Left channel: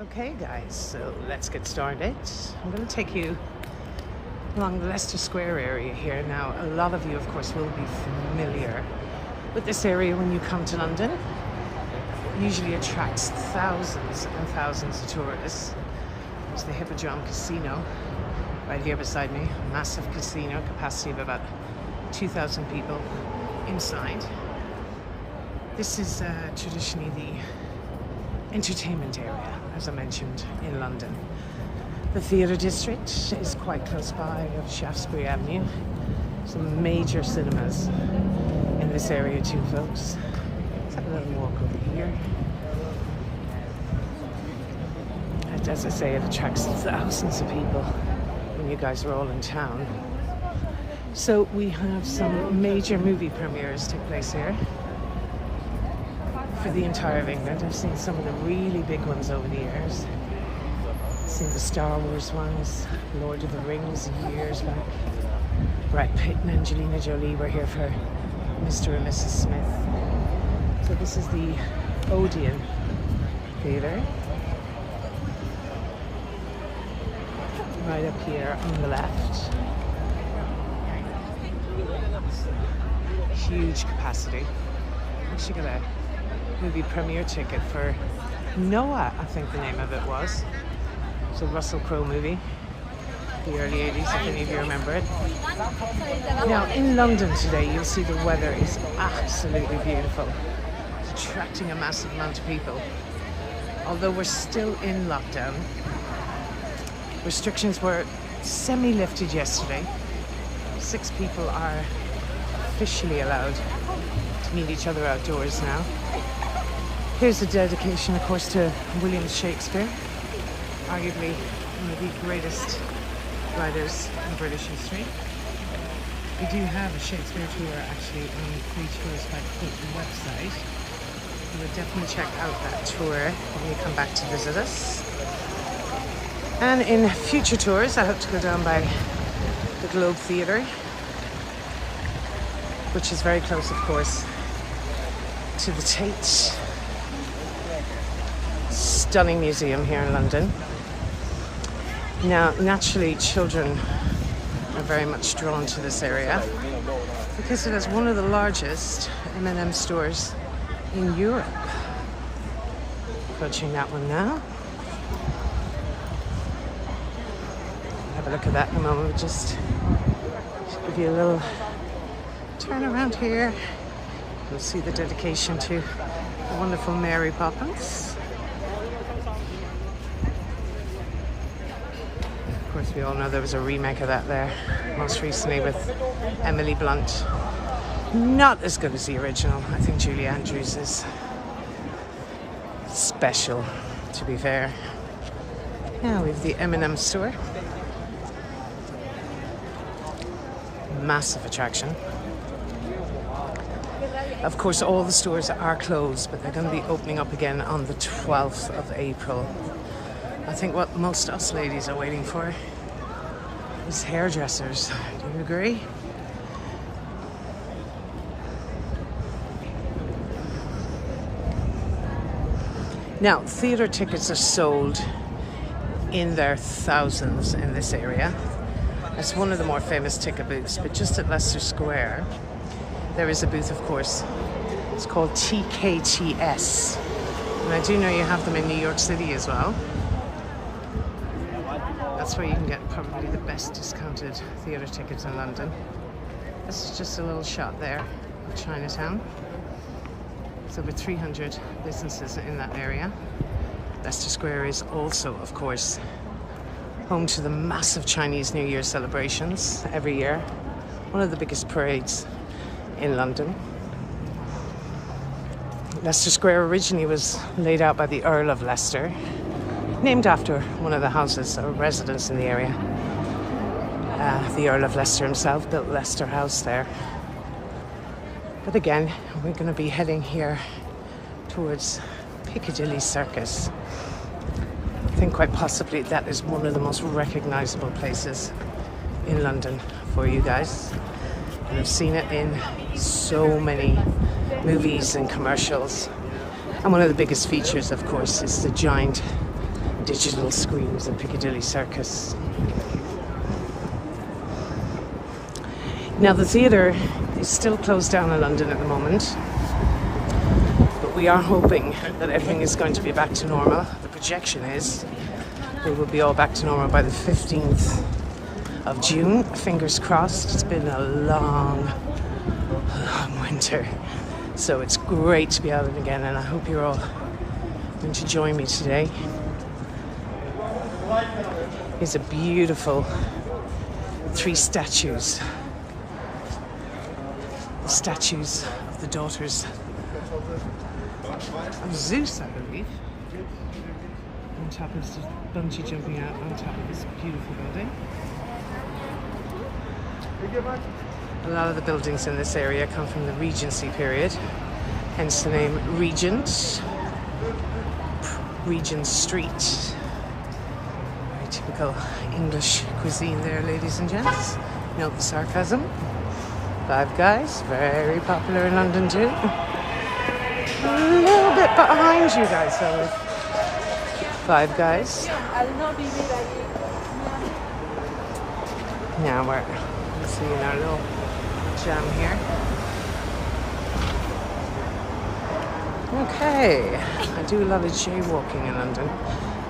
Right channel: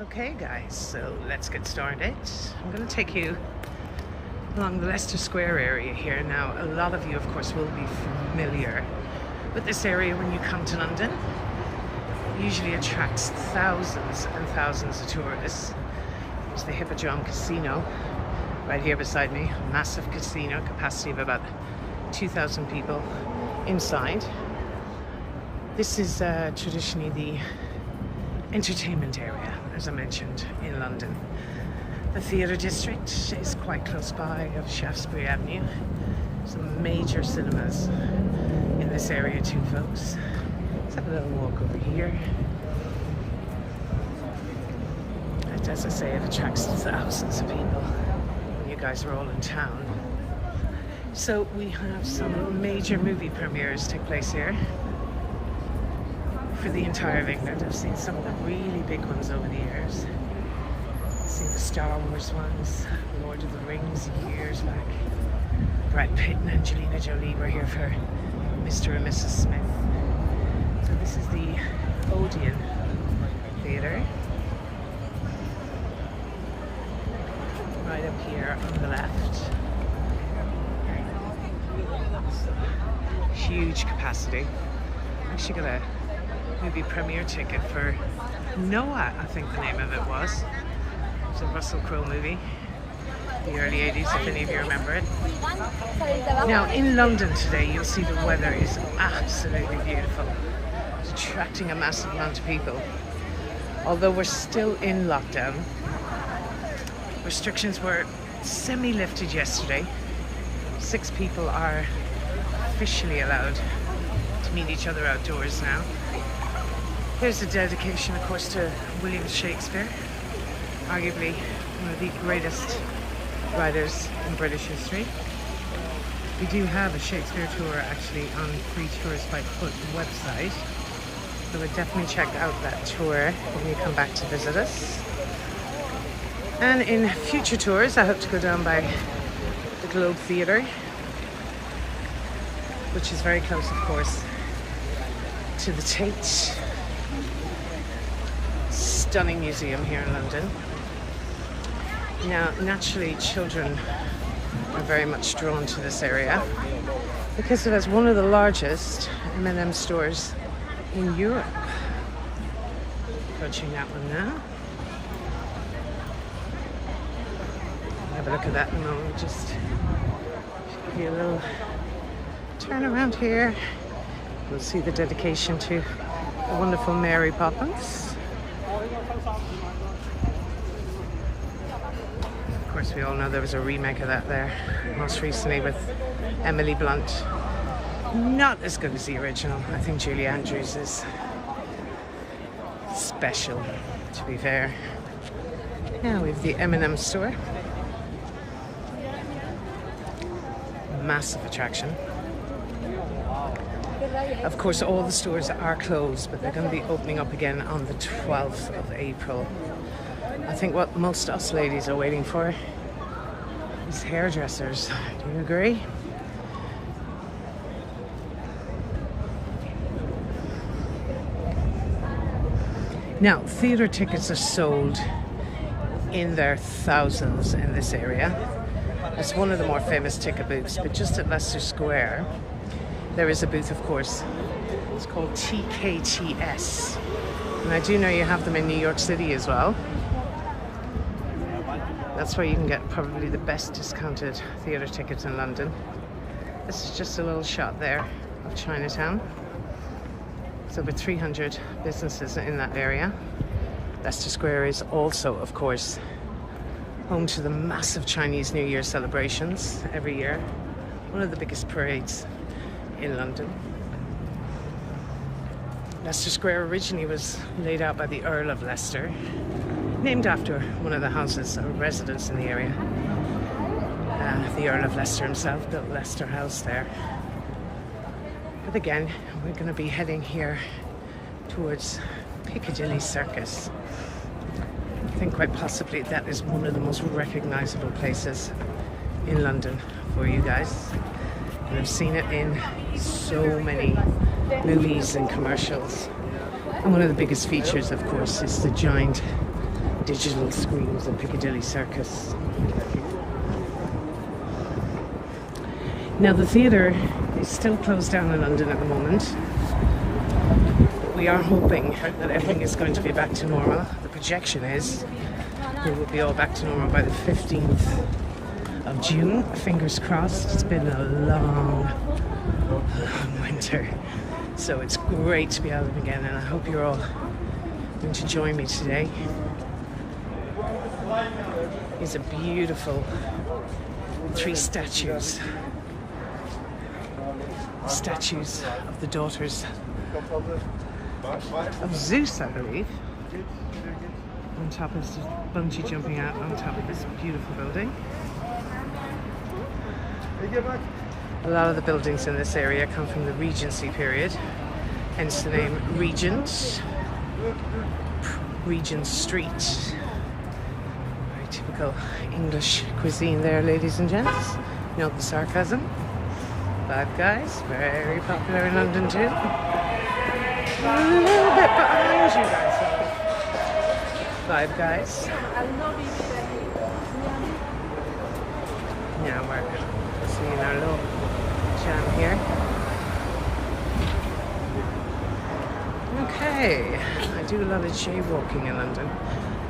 Okay guys, so let's get started. I'm going to take you along the Leicester Square area here. Now, a lot of you of course will be familiar with this area when you come to London. It usually attracts thousands and thousands of tourists. There's the Hippodrome Casino right here beside me. A massive casino, capacity of about 2,000 people inside. This is traditionally the entertainment area, as I mentioned, in London. The theatre district is quite close by of Shaftesbury Avenue. Some major cinemas in this area too, folks. Let's have a little walk over here. As I say, it attracts thousands of people when you guys are all in town. So we have some major movie premieres take place here for the entire of England. I've seen some of the really big ones over the years. I've seen the Star Wars ones, Lord of the Rings years back. Brad Pitt and Angelina Jolie were here for Mr. and Mrs. Smith. So this is the Odeon Theatre. Right up here on the left. Huge capacity. Actually got a movie premiere ticket for Noah, I think the name of it was. It's a Russell Crowe movie, the early 80s, if any of you remember it. Now, in London today, you'll see the weather is absolutely beautiful. It's attracting a massive amount of people. Although we're still in lockdown, restrictions were semi-lifted yesterday. 6 people are officially allowed to meet each other outdoors now. Here's a dedication, of course, to William Shakespeare, arguably one of the greatest writers in British history. We do have a Shakespeare tour actually on Free Tours by Foot website. So we'll definitely check out that tour when you come back to visit us. And in future tours, I hope to go down by the Globe Theatre, which is very close, of course, to the Tate. Stunning museum here in London. Now, naturally, children are very much drawn to this area because it has one of the largest M&M stores in Europe. Approaching that one now. Have a look at that in a moment. Just give you a little turn around here. You'll see the dedication to the wonderful Mary Poppins. Of course, we all know there was a remake of that there, most recently with Emily Blunt. Not as good as the original. I think Julie Andrews is special, to be fair. Now we have the M&M store. Massive attraction. Of course, all the stores are closed, but they're going to be opening up again on the 12th of April. I think what most us ladies are waiting for is hairdressers. Do you agree? Now, theatre tickets are sold in their thousands in this area. That's one of the more famous ticket booths, but just at Leicester Square, there is a booth, of course. It's called TKTS. And I do know you have them in New York City as well. That's where you can get probably the best discounted theatre tickets in London. This is just a little shot there of Chinatown. There's over 300 businesses in that area. Leicester Square is also, of course, home to the massive Chinese New Year celebrations every year. One of the biggest parades in London. Leicester Square originally was laid out by the Earl of Leicester, named after one of the houses or residents in the area. The Earl of Leicester himself built Leicester House there. But again, we're going to be heading here towards Piccadilly Circus. I think quite possibly that is one of the most recognizable places in London for you guys. And I've seen it in so many movies and commercials. And one of the biggest features, of course, is the giant digital screens at Piccadilly Circus. Now the theatre is still closed down in London at the moment, but we are hoping that everything is going to be back to normal. The projection is we will be all back to normal by the 15th of June. Fingers crossed. It's been a long winter, so it's great to be out again, and I hope you're all going to join me today. These are beautiful 3 statues. Statues of the daughters of Zeus, I believe. On top is just bungee jumping out on top of this beautiful building. A lot of the buildings in this area come from the Regency period, hence the name Regent. Regent Street. Very typical English cuisine there, ladies and gents. Note the sarcasm. Five Guys, very popular in London too. A little bit behind you guys though. Five Guys. Now we're seeing our little jam here. Okay, I do love it jaywalking in London.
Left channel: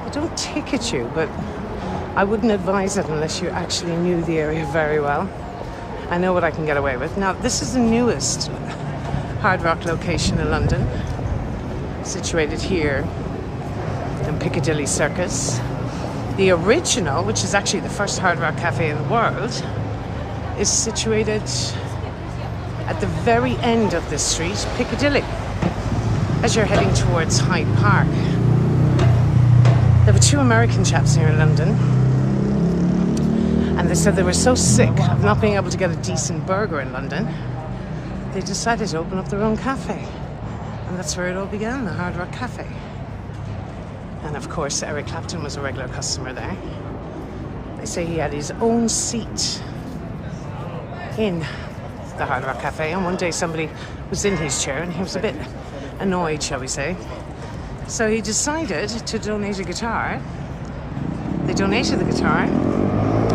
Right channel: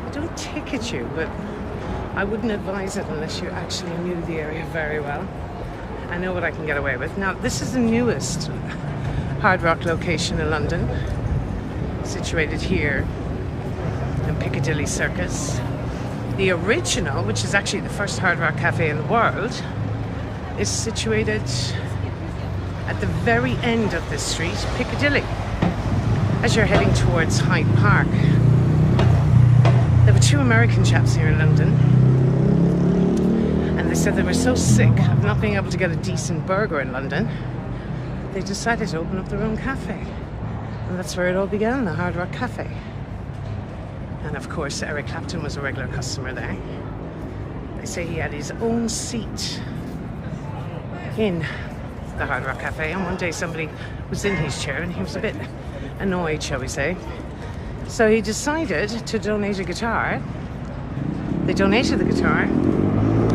I don't ticket you, but I wouldn't advise it unless you actually knew the area very well. I know what I can get away with. Now, this is the newest Hard Rock location in London, situated here in Piccadilly Circus. The original, which is actually the first Hard Rock cafe in the world, is situated at the very end of this street, Piccadilly, as you're heading towards Hyde Park. There were 2 American chaps here in London, and they said they were so sick of not being able to get a decent burger in London, they decided to open up their own cafe. And that's where it all began, the Hard Rock Cafe. And of course, Eric Clapton was a regular customer there. They say he had his own seat in the Hard Rock Cafe, and one day somebody was in his chair and he was a bit annoyed, shall we say. So he decided to donate a guitar. They donated the guitar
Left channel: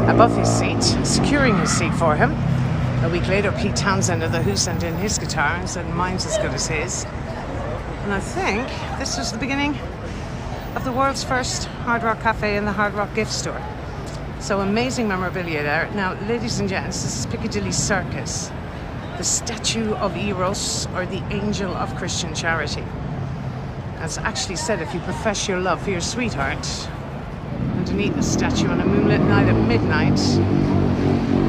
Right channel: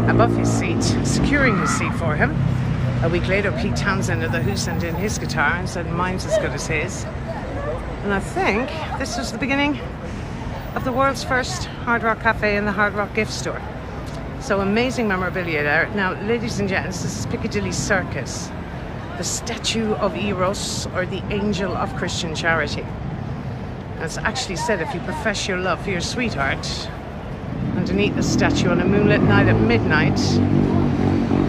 above his seat, securing his seat for him. A week later, Pete Townsend of The Who sent in his guitar and said, mine's as good as his. And I think this was the beginning of the world's first Hard Rock Cafe and the Hard Rock gift store. So amazing memorabilia there. Now, ladies and gents, this is Piccadilly Circus, the statue of Eros, or the angel of Christian charity. As actually said, if you profess your love for your sweetheart underneath the statue on a moonlit night at midnight,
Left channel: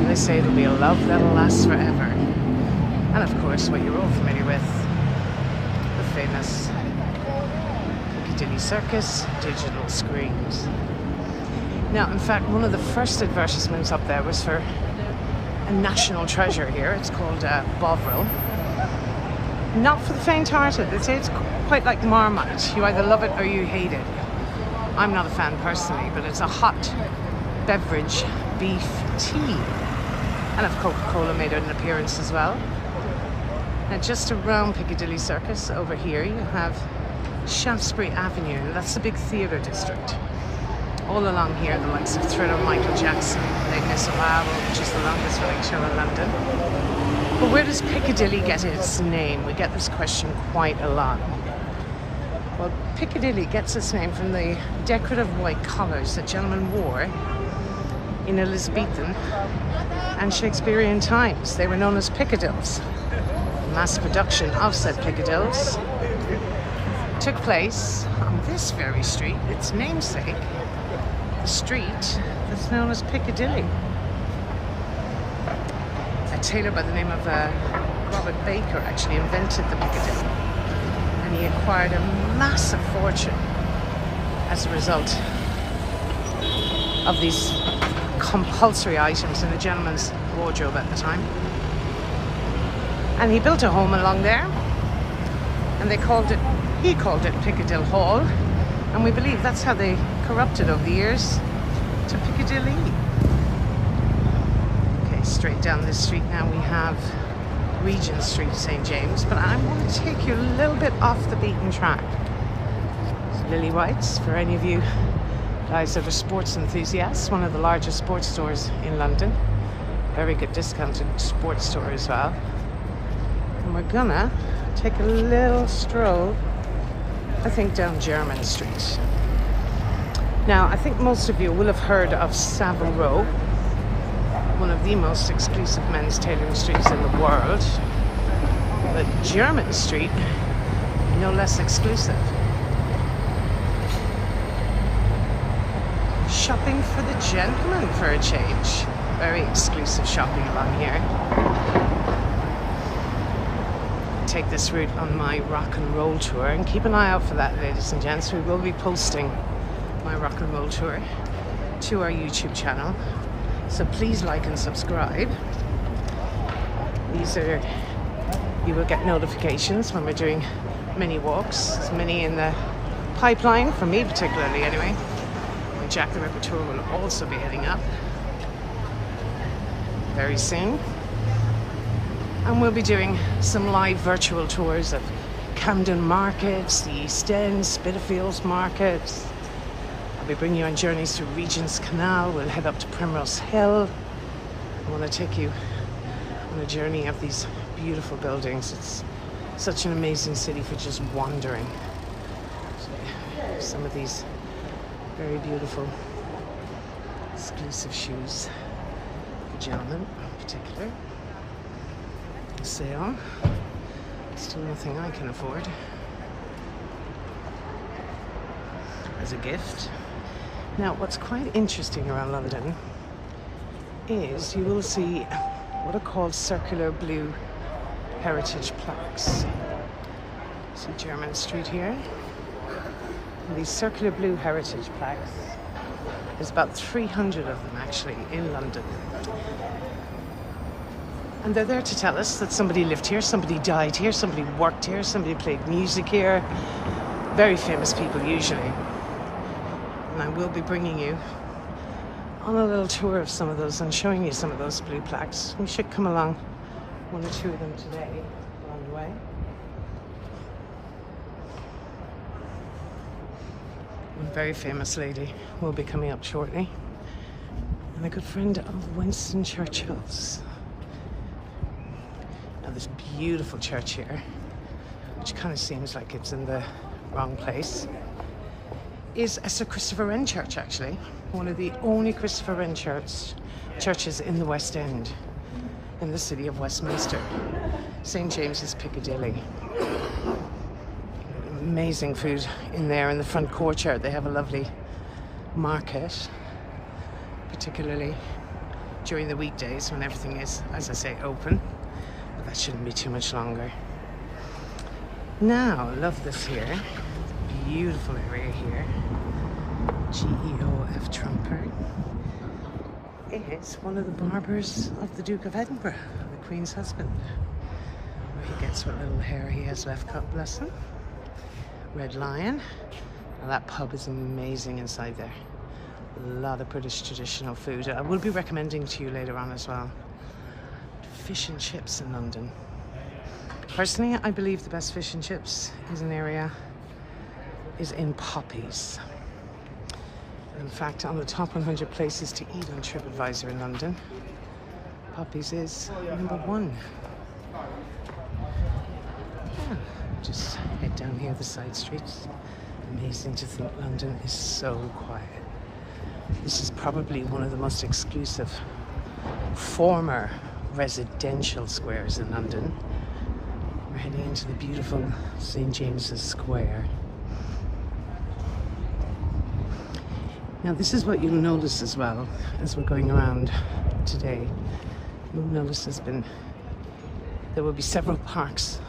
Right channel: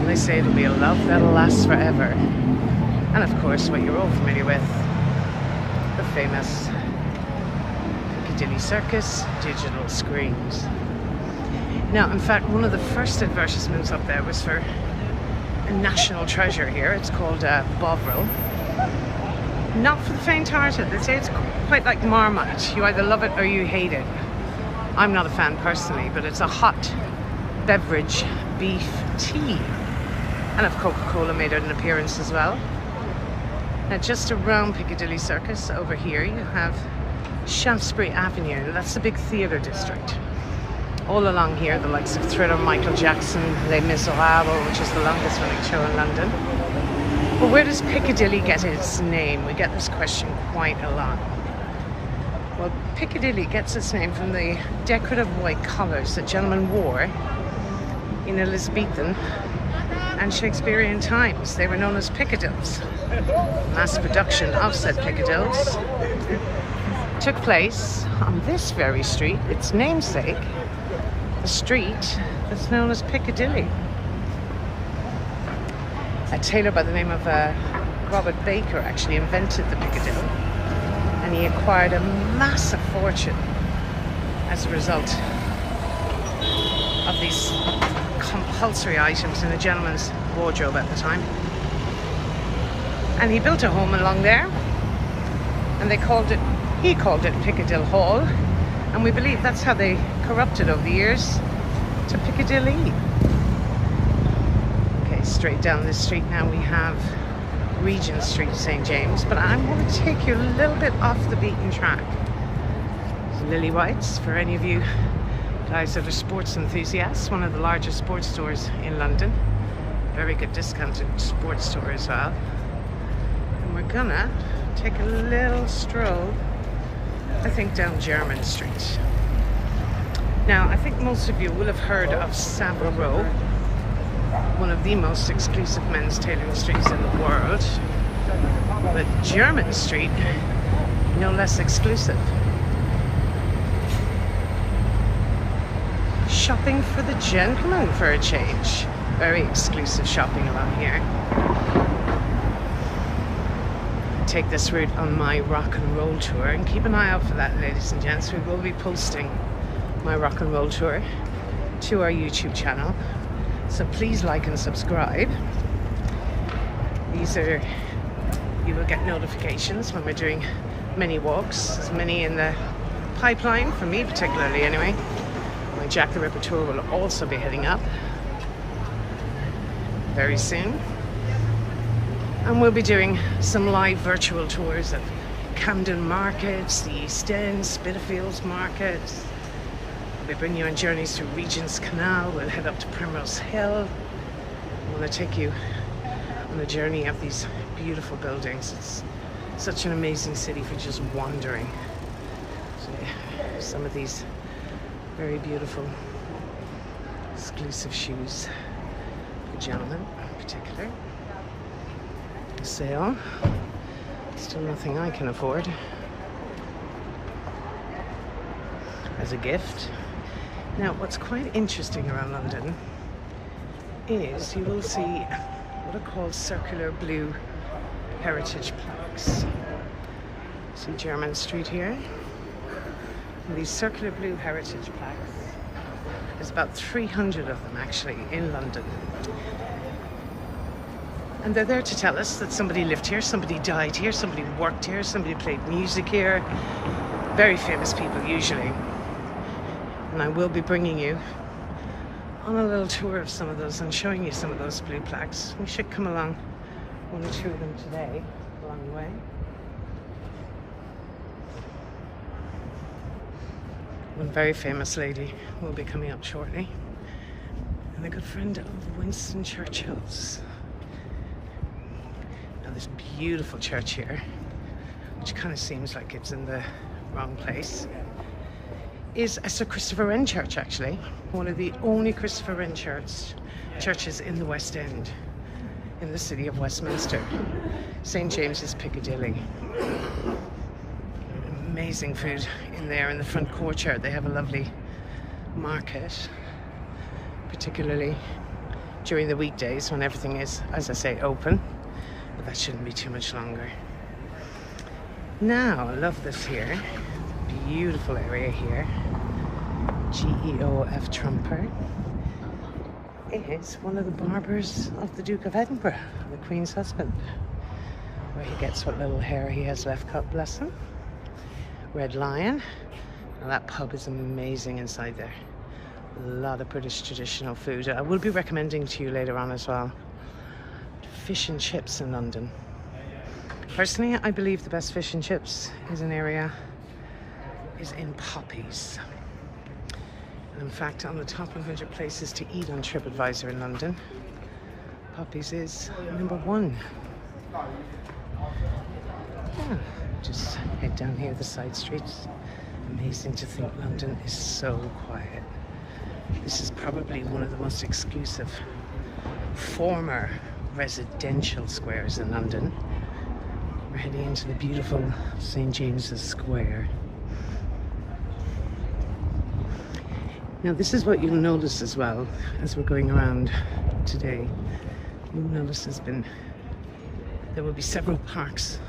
they say it'll be a love that'll last forever. And of course, what you're all familiar with, the famous Piccadilly Circus digital screens. Now, in fact, one of the first advertisements up there was for a national treasure here. It's called Bovril. Not for the faint-hearted. They say it's quite like Marmite. You either love it or you hate it. I'm not a fan personally, but it's a hot beverage beef tea. And of Coca-Cola made an appearance as well. Now, just around Piccadilly Circus, over here, you have Shaftesbury Avenue. That's the big theatre district. All along here, the likes of Thriller, Michael Jackson, Les Miserables, which is the longest running show in London. But where does Piccadilly get its name? We get this question quite a lot. Well, Piccadilly gets its name from the decorative white collars that gentlemen wore in Elizabethan and Shakespearean times. They were known as Piccadilles. Mass production of said Piccadilles took place on this very street, its namesake, the street that's known as Piccadilly. A tailor by the name of Robert Baker actually invented the Piccadilly, and he acquired a massive fortune as a result of these compulsory items in a gentleman's wardrobe at the time. And he built a home along there, and he called it Piccadilly Hall, and we believe that's how they corrupted over the years to Piccadilly. Okay, straight down this street now we have Regent Street, St. James, but I'm going to take you a little bit off the beaten track. Lily Whites, for any of you Guys are the Sports Enthusiasts, one of the largest sports stores in London. Very good discounted sports store as well. And we're gonna take a little stroll, I think, down Jermyn Street. Now, I think most of you will have heard of Savile Row, one of the most exclusive men's tailoring streets in the world. But Jermyn Street, no less exclusive. Shopping for the gentleman for a change. Very exclusive shopping along here. I take this route on my rock and roll tour, and keep an eye out for that, ladies and gents. We will be posting my rock and roll tour to our YouTube channel, so please like and subscribe. You will get notifications when we're doing many walks. There's many in the pipeline, for me particularly anyway. My Jack the Ripper tour will also be heading up very soon. And we'll be doing some live virtual tours of Camden Markets, the East End, Spitalfields Markets. I'll be bringing you on journeys through Regent's Canal. We'll head up to Primrose Hill. I want to take you on a journey of these beautiful buildings. It's such an amazing city for just wandering. So, some of these very beautiful exclusive shoes for gentlemen in particular. Sale. Still nothing I can afford as a gift. Now, what's quite interesting around London is you will see what are called circular blue heritage plaques. See Jermyn Street here? And these circular blue heritage plaques, there's about 300 of them actually in London. And they're there to tell us that somebody lived here, somebody died here, somebody worked here, somebody played music here. Very famous people usually. And I will be bringing you on a little tour of some of those and showing you some of those blue plaques. We should come along one or two of them today along the way. One very famous lady will be coming up shortly, and a good friend of Winston Churchill's. Now, this beautiful church here, which kind of seems like it's in the wrong place, is a Sir Christopher Wren church, actually. One of the only Christopher Wren churches in the West End, in the city of Westminster. St. James's Piccadilly. Amazing food in there in the front courtyard. They have a lovely market, particularly during the weekdays when everything is, as I say, open. But that shouldn't be too much longer. Now, I love this here. Beautiful area here. GEOF Trumper is one of the barbers of the Duke of Edinburgh, the Queen's husband, where he gets what little hair he has left cut, bless him. Red Lion. Now, that pub is amazing inside there. A lot of British traditional food. I will be recommending to you later on as well. Fish and chips in London. Personally, I believe the best fish and chips is in Poppy's. And in fact, on the top 100 places to eat on TripAdvisor in London, Poppy's is #1. Yeah, just head down here the side streets. Amazing to think London is so quiet. This is probably one of the most exclusive former residential squares in London. We're heading into the beautiful St. James's Square. Now, this is what you'll notice as well as we're going around today. You'll notice there will be several parks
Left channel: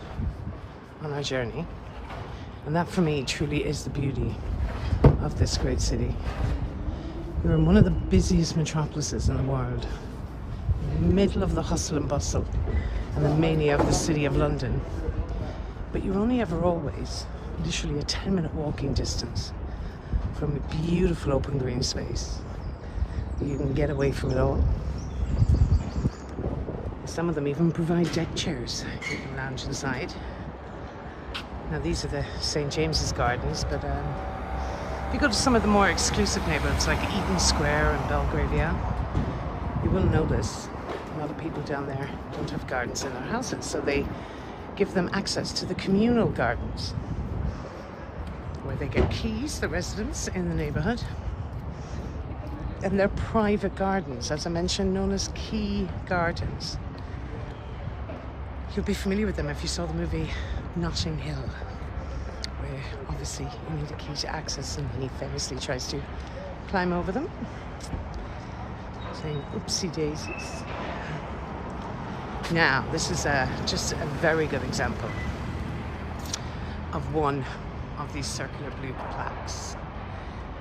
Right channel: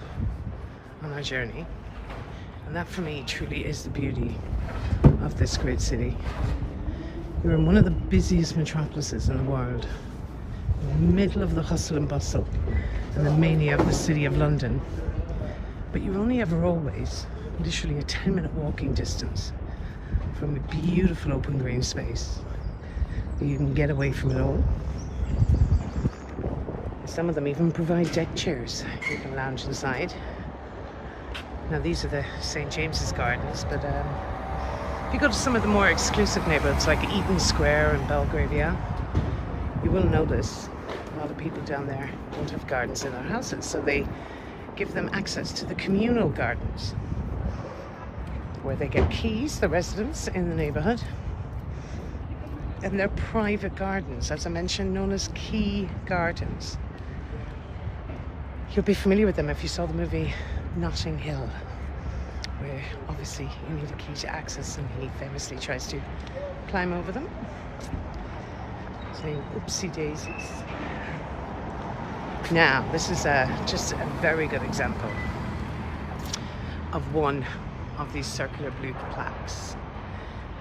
on our journey, and that for me truly is the beauty of this great city. You're in one of the busiest metropolises in the world, in the middle of the hustle and bustle and the mania of the city of London, but you're only ever always literally a 10-minute walking distance from a beautiful open green space. You can get away from it all. Some of them even provide deck chairs. You can lounge inside. Now, these are the St. James's Gardens, but If you go to some of the more exclusive neighborhoods like Eaton Square and Belgravia, you will notice a lot of people down there don't have gardens in their houses, so they give them access to the communal gardens where they get keys, the residents in the neighborhood, and they're private gardens, as I mentioned, known as key gardens. You'll be familiar with them if you saw the movie Notting Hill, where obviously you need a key to access, and he famously tries to climb over them, saying oopsie daisies. Now, this is just a very good example of one of these circular blue plaques.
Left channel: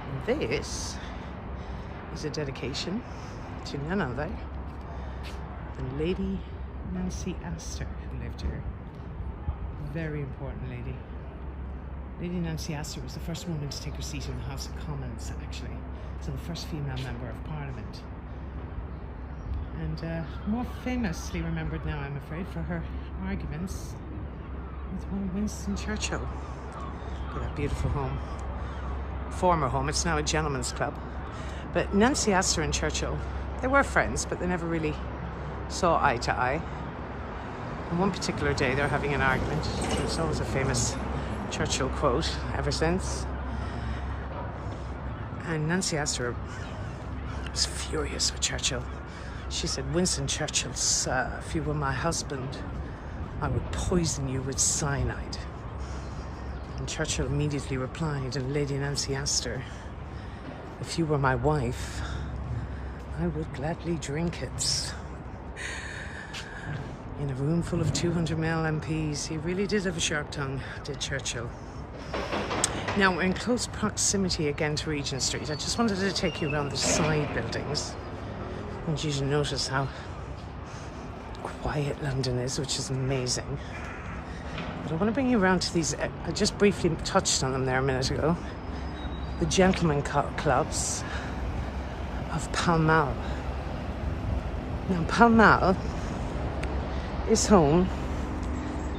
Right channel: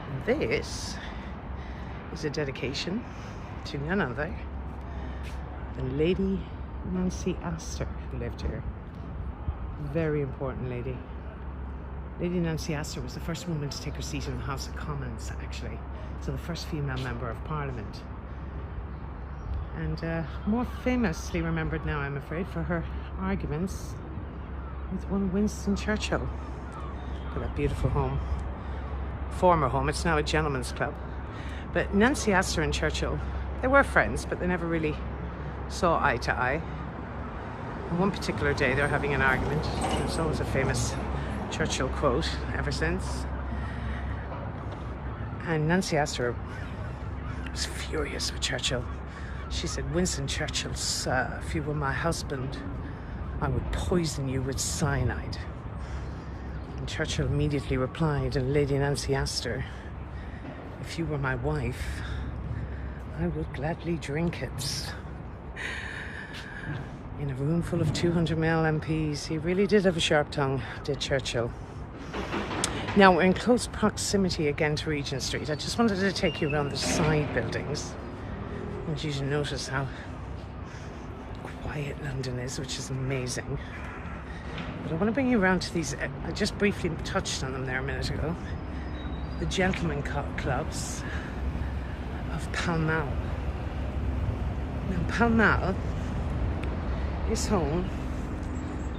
And this is a dedication to none other than Lady Nancy Astor, who lived here. Very important lady. Lady Nancy Astor was the first woman to take her seat in the House of Commons, actually. So the first female member of Parliament. And more famously remembered now, I'm afraid, for her arguments with one Winston Churchill. Look at that beautiful home. Former home, it's now a gentleman's club. But Nancy Astor and Churchill, they were friends, but they never really saw eye to eye. On one particular day, they're having an argument. There's always a famous Churchill quote ever since. And Nancy Astor was furious with Churchill. She said, "Winston Churchill, sir, if you were my husband, I would poison you with cyanide." And Churchill immediately replied, and Lady Nancy Astor, "If you were my wife, I would gladly drink it." In a room full of 200ml MPs, he really did have a sharp tongue, did Churchill. Now, we're in close proximity again to Regent Street. I just wanted to take you around the side buildings. I want you to notice how quiet London is, which is amazing. But I want to bring you around to these, I just briefly touched on them there a minute ago, the gentlemen clubs of Pall Mall. Now, Pall Mall is home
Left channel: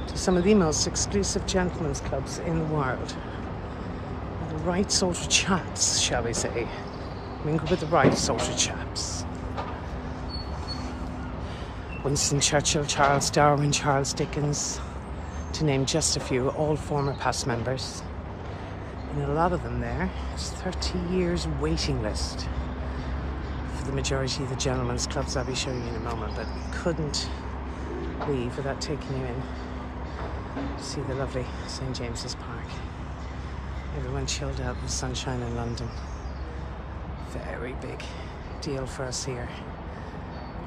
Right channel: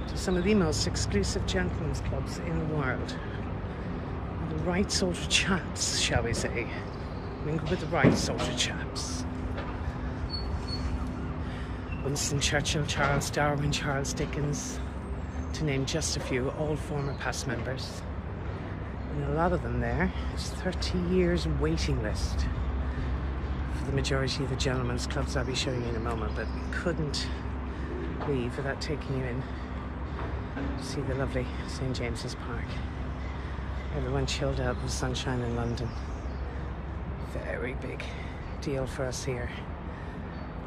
to some of the most exclusive gentlemen's clubs in the world. Where the right sort of chaps, shall we say, mingle with the right sort of chaps. Winston Churchill, Charles Darwin, Charles Dickens, to name just a few, all former past members. And a lot of them there is 30 years waiting list for the majority of the gentlemen's clubs I'll be showing you in a moment, but couldn't leave without taking you in to see the lovely St. James's Park. Everyone chilled out in the sunshine in London. Very big deal for us here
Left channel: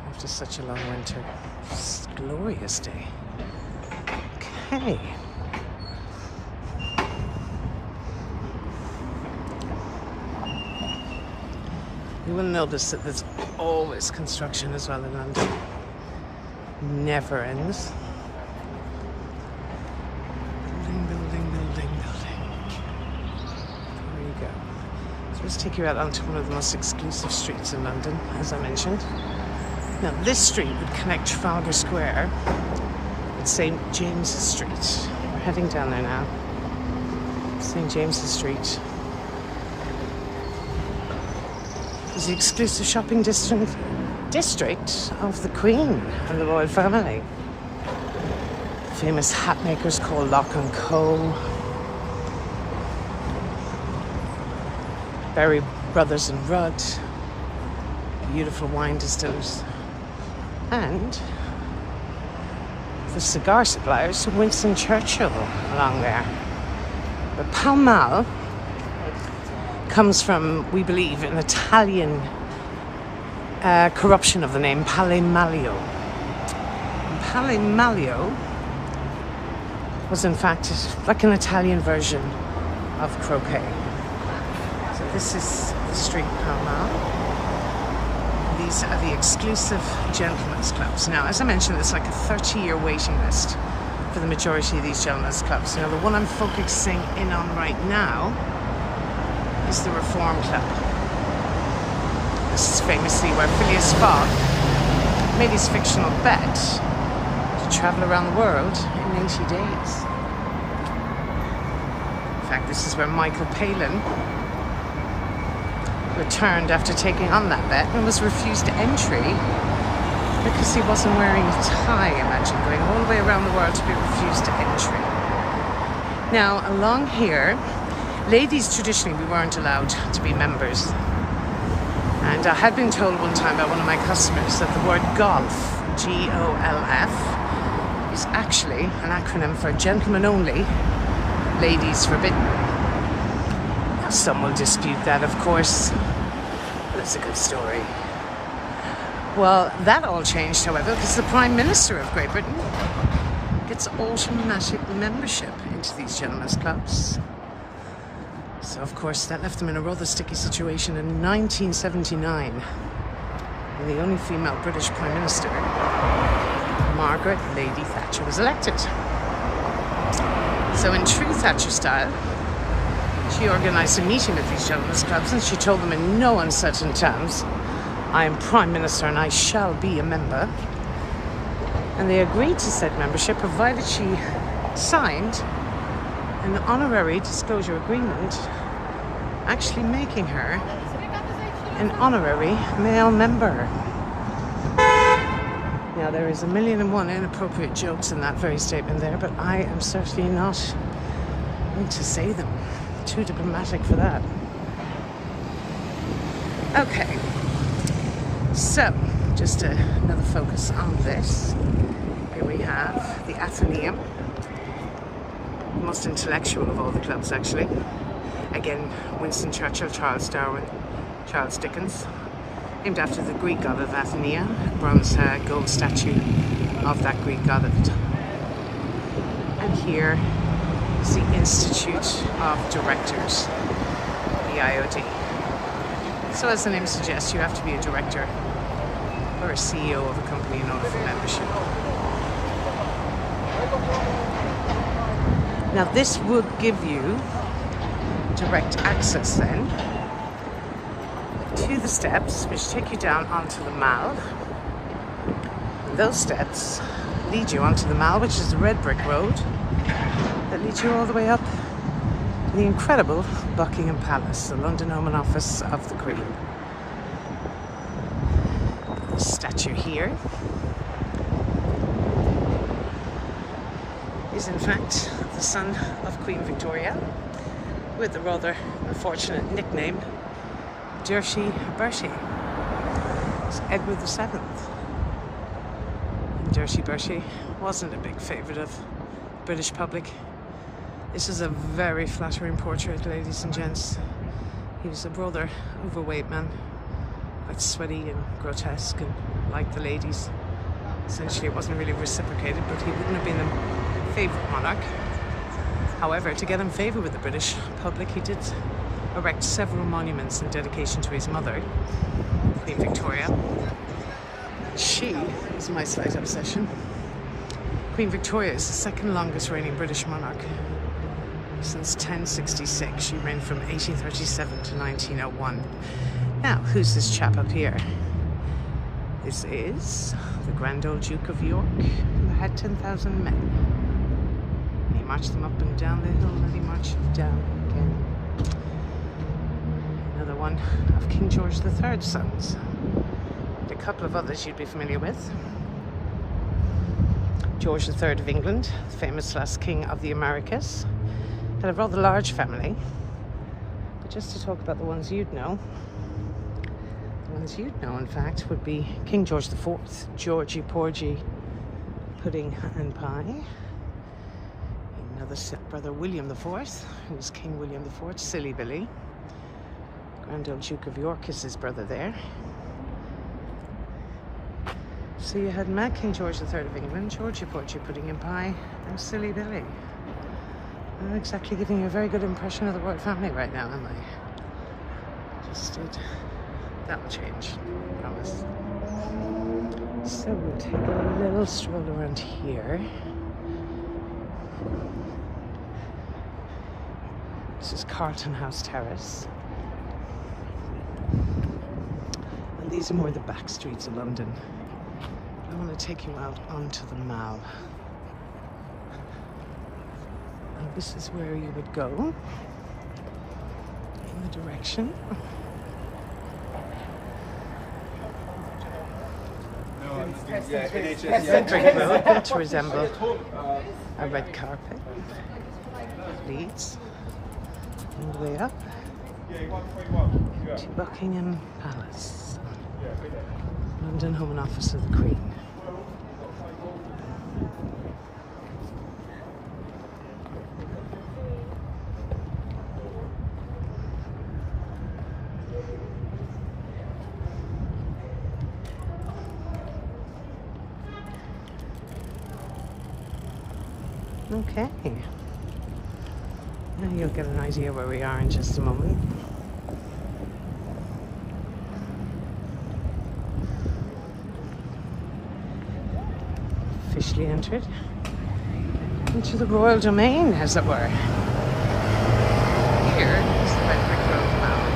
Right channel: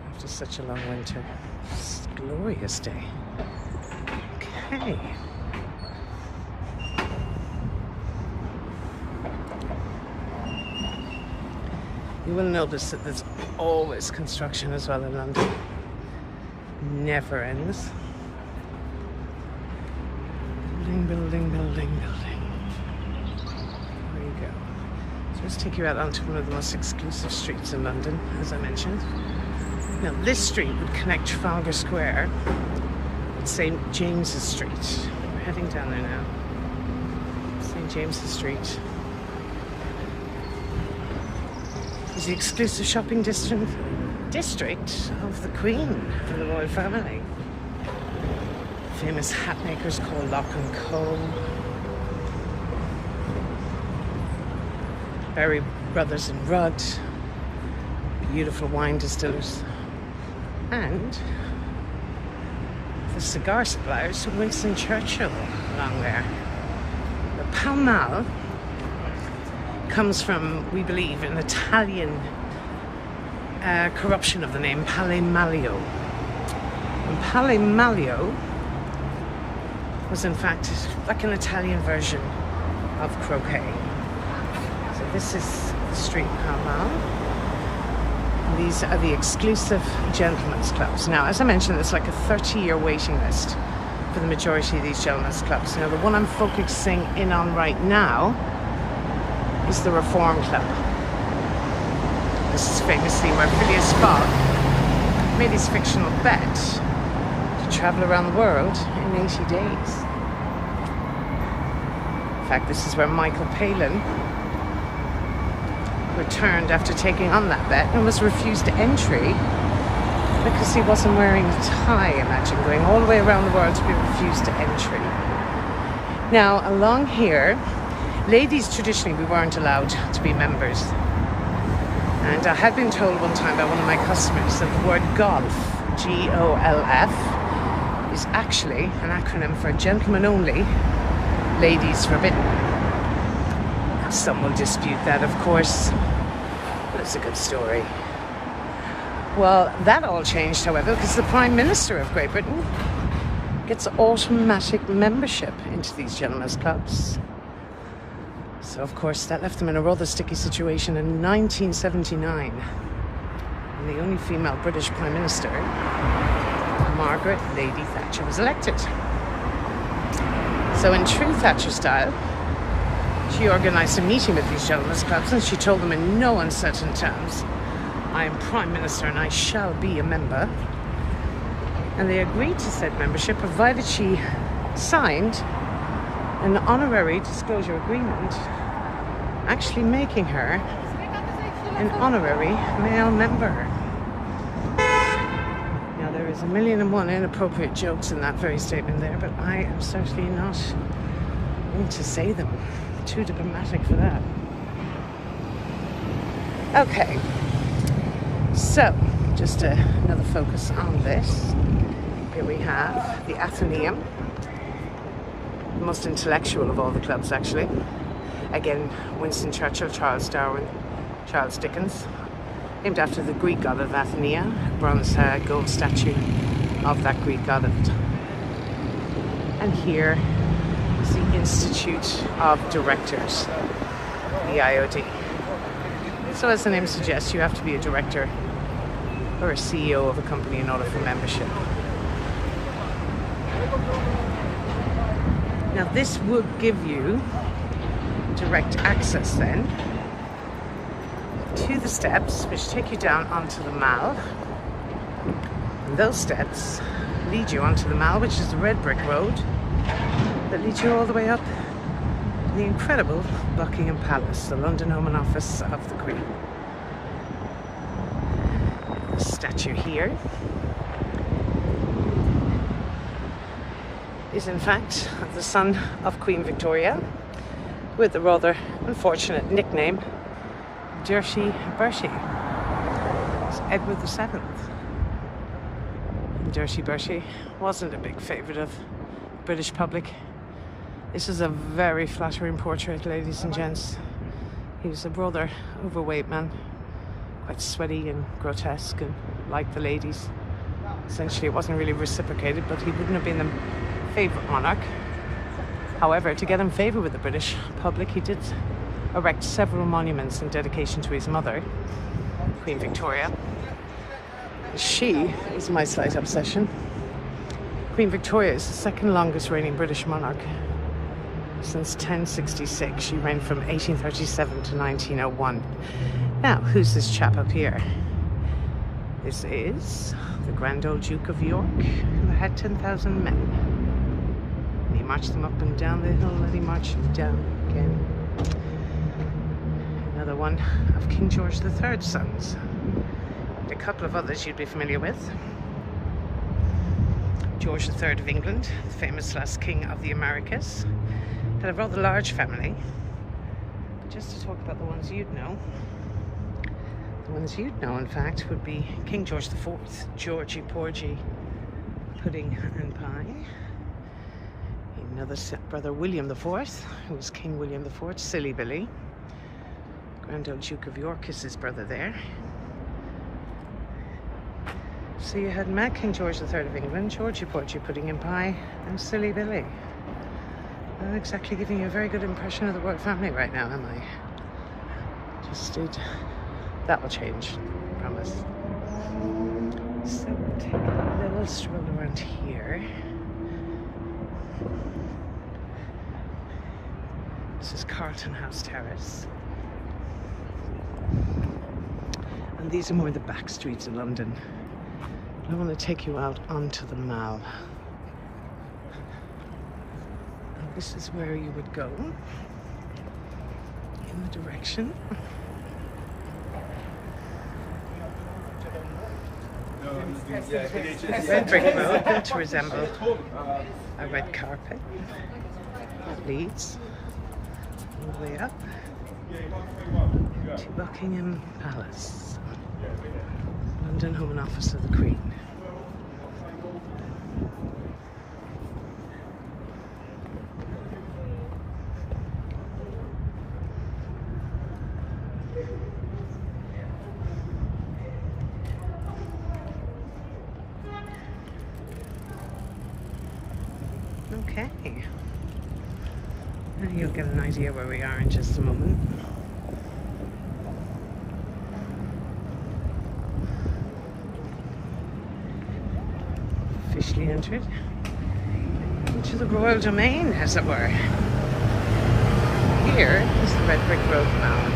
after such a long winter. It's a glorious day. Okay. You will notice that there's always construction as well in London. Never ends. Building, building, building, building. There you go. So let's take you out onto one of the most exclusive streets in London, as I mentioned. Now, this street would connect Trafalgar Square with St. James's Street. We're heading down there now. St. James's Street is the exclusive shopping district of the Queen and the royal family. Famous hat makers called Lock & Co. Berry Brothers and Rudd. Beautiful wine distillers. And the cigar suppliers to Winston Churchill along there. The Pall Mall comes from, we believe, an Italian corruption of the name Palle Mallio. And Palle Mallio was in fact like an Italian version of croquet. So this is the street Pall Mall. These are the exclusive gentlemen's clubs. Now, as I mentioned, it's like a 30-year waiting list for the majority of these gentlemen's clubs. Now, the one I'm focusing in on right now is the Reform Club. This is famously where Phileas Fogg made his fictional bet to travel around the world in 80 days. In fact, this is where Michael Palin returned after taking on that bet and was refused entry because he wasn't wearing a tie. Imagine going all the way around the world to be refused entry. Now, along here, ladies, traditionally, we weren't allowed to be members. And I had been told one time by one of my customers that the word golf, G-O-L-F, is actually an acronym for gentlemen only, ladies forbidden. Now, some will dispute that, of course, but it's a good story. Well, that all changed, however, because the Prime Minister of Great Britain gets automatic membership into these gentlemen's clubs. So, of course, that left them in a rather sticky situation in 1979. And the only female British Prime Minister, Margaret Lady Thatcher, was elected. So in true Thatcher style, she organised a meeting with these gentlemen's clubs and she told them in no uncertain terms, I am Prime Minister and I shall be a member. And they agreed to said membership provided she signed an honorary disclosure agreement, actually making her an honorary male member. Now, there is 1,000,001 inappropriate jokes in that very statement there, but I am certainly not going to say them. Too diplomatic for that. Okay, so just another focus on this. Here we have the Athenaeum, the most intellectual of all the clubs, actually. Again, Winston Churchill, Charles Darwin, Charles Dickens, named after the Greek god of Athenia, a bronze gold statue of that Greek god at the time. And here is the Institute of Directors, the IOD. So as the name suggests, you have to be a director or a CEO of a company in order for membership. Now, this would give you direct access then to the steps which take you down onto the Mall. And those steps lead you onto the Mall, which is the red brick road that leads you all the way up the incredible Buckingham Palace, the London home and office of the Queen. The statue here is in fact the son of Queen Victoria, with the rather unfortunate nickname Dirty Bertie. It's Edward VII. And Dirty Bertie wasn't a big favourite of the British public. This is a very flattering portrait, ladies and gents. He was a rather overweight man, quite sweaty and grotesque and like the ladies. Essentially, it wasn't really reciprocated, but he wouldn't have been the favourite monarch. However, to get in favour with the British public, he did erect several monuments in dedication to his mother, Queen Victoria. She is my slight obsession. Queen Victoria is the second longest reigning British monarch since 1066. She reigned from 1837 to 1901. Now, who's this chap up here? This is the Grand Old Duke of York, who had 10,000 men. And he marched them up and down the hill, and he marched them down again. Another one of King George III's sons. And a couple of others you'd be familiar with. George III of England, the famous last king of the Americas, had a rather large family. But just to talk about the ones you'd know, the ones you'd know, in fact, would be King George IV, Georgie Porgy, Pudding and Pie. Another brother, William IV, who was King William IV, Silly Billy. Grand Old Duke of York is his brother there. So you had Mad King George III of England, Georgie Porgy, Pudding and Pie, and Silly Billy. I'm not exactly giving you a very good impression of the royal family right now, am I? Just did. That will change, I promise. So we'll take a little stroll around here. This is Carlton House Terrace. And these are more the back streets of London. I want to take you out onto the Mall. And this is where you would go in the direction Red brick road built to resemble a red carpet that leads all the way up to Buckingham Palace, London Home and Office of the Queen. Okay, now you'll get an idea where we are in just a moment. Officially entered into the royal domain, as it were. Here is the red brick road mall.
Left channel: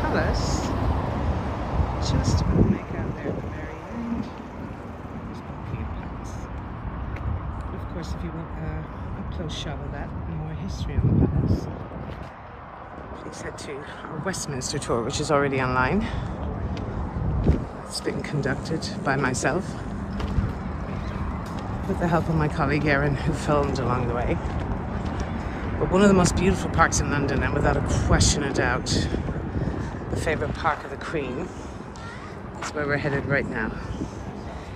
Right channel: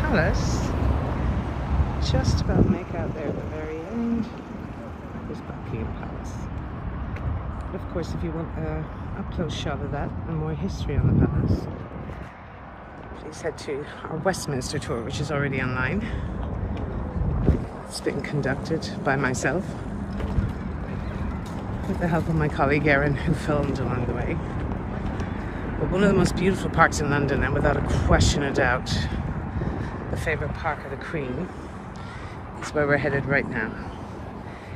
Palace, just about to make out there at the very end, is Buckingham Palace. But of course, if you want an up-close shot of that and more history on the palace, please head to our Westminster tour, which is already online. It's been conducted by myself with the help of my colleague Erin, who filmed along the way. But one of the most beautiful parks in London, and without a question of doubt, the favourite park of the Queen, is where we're headed right now.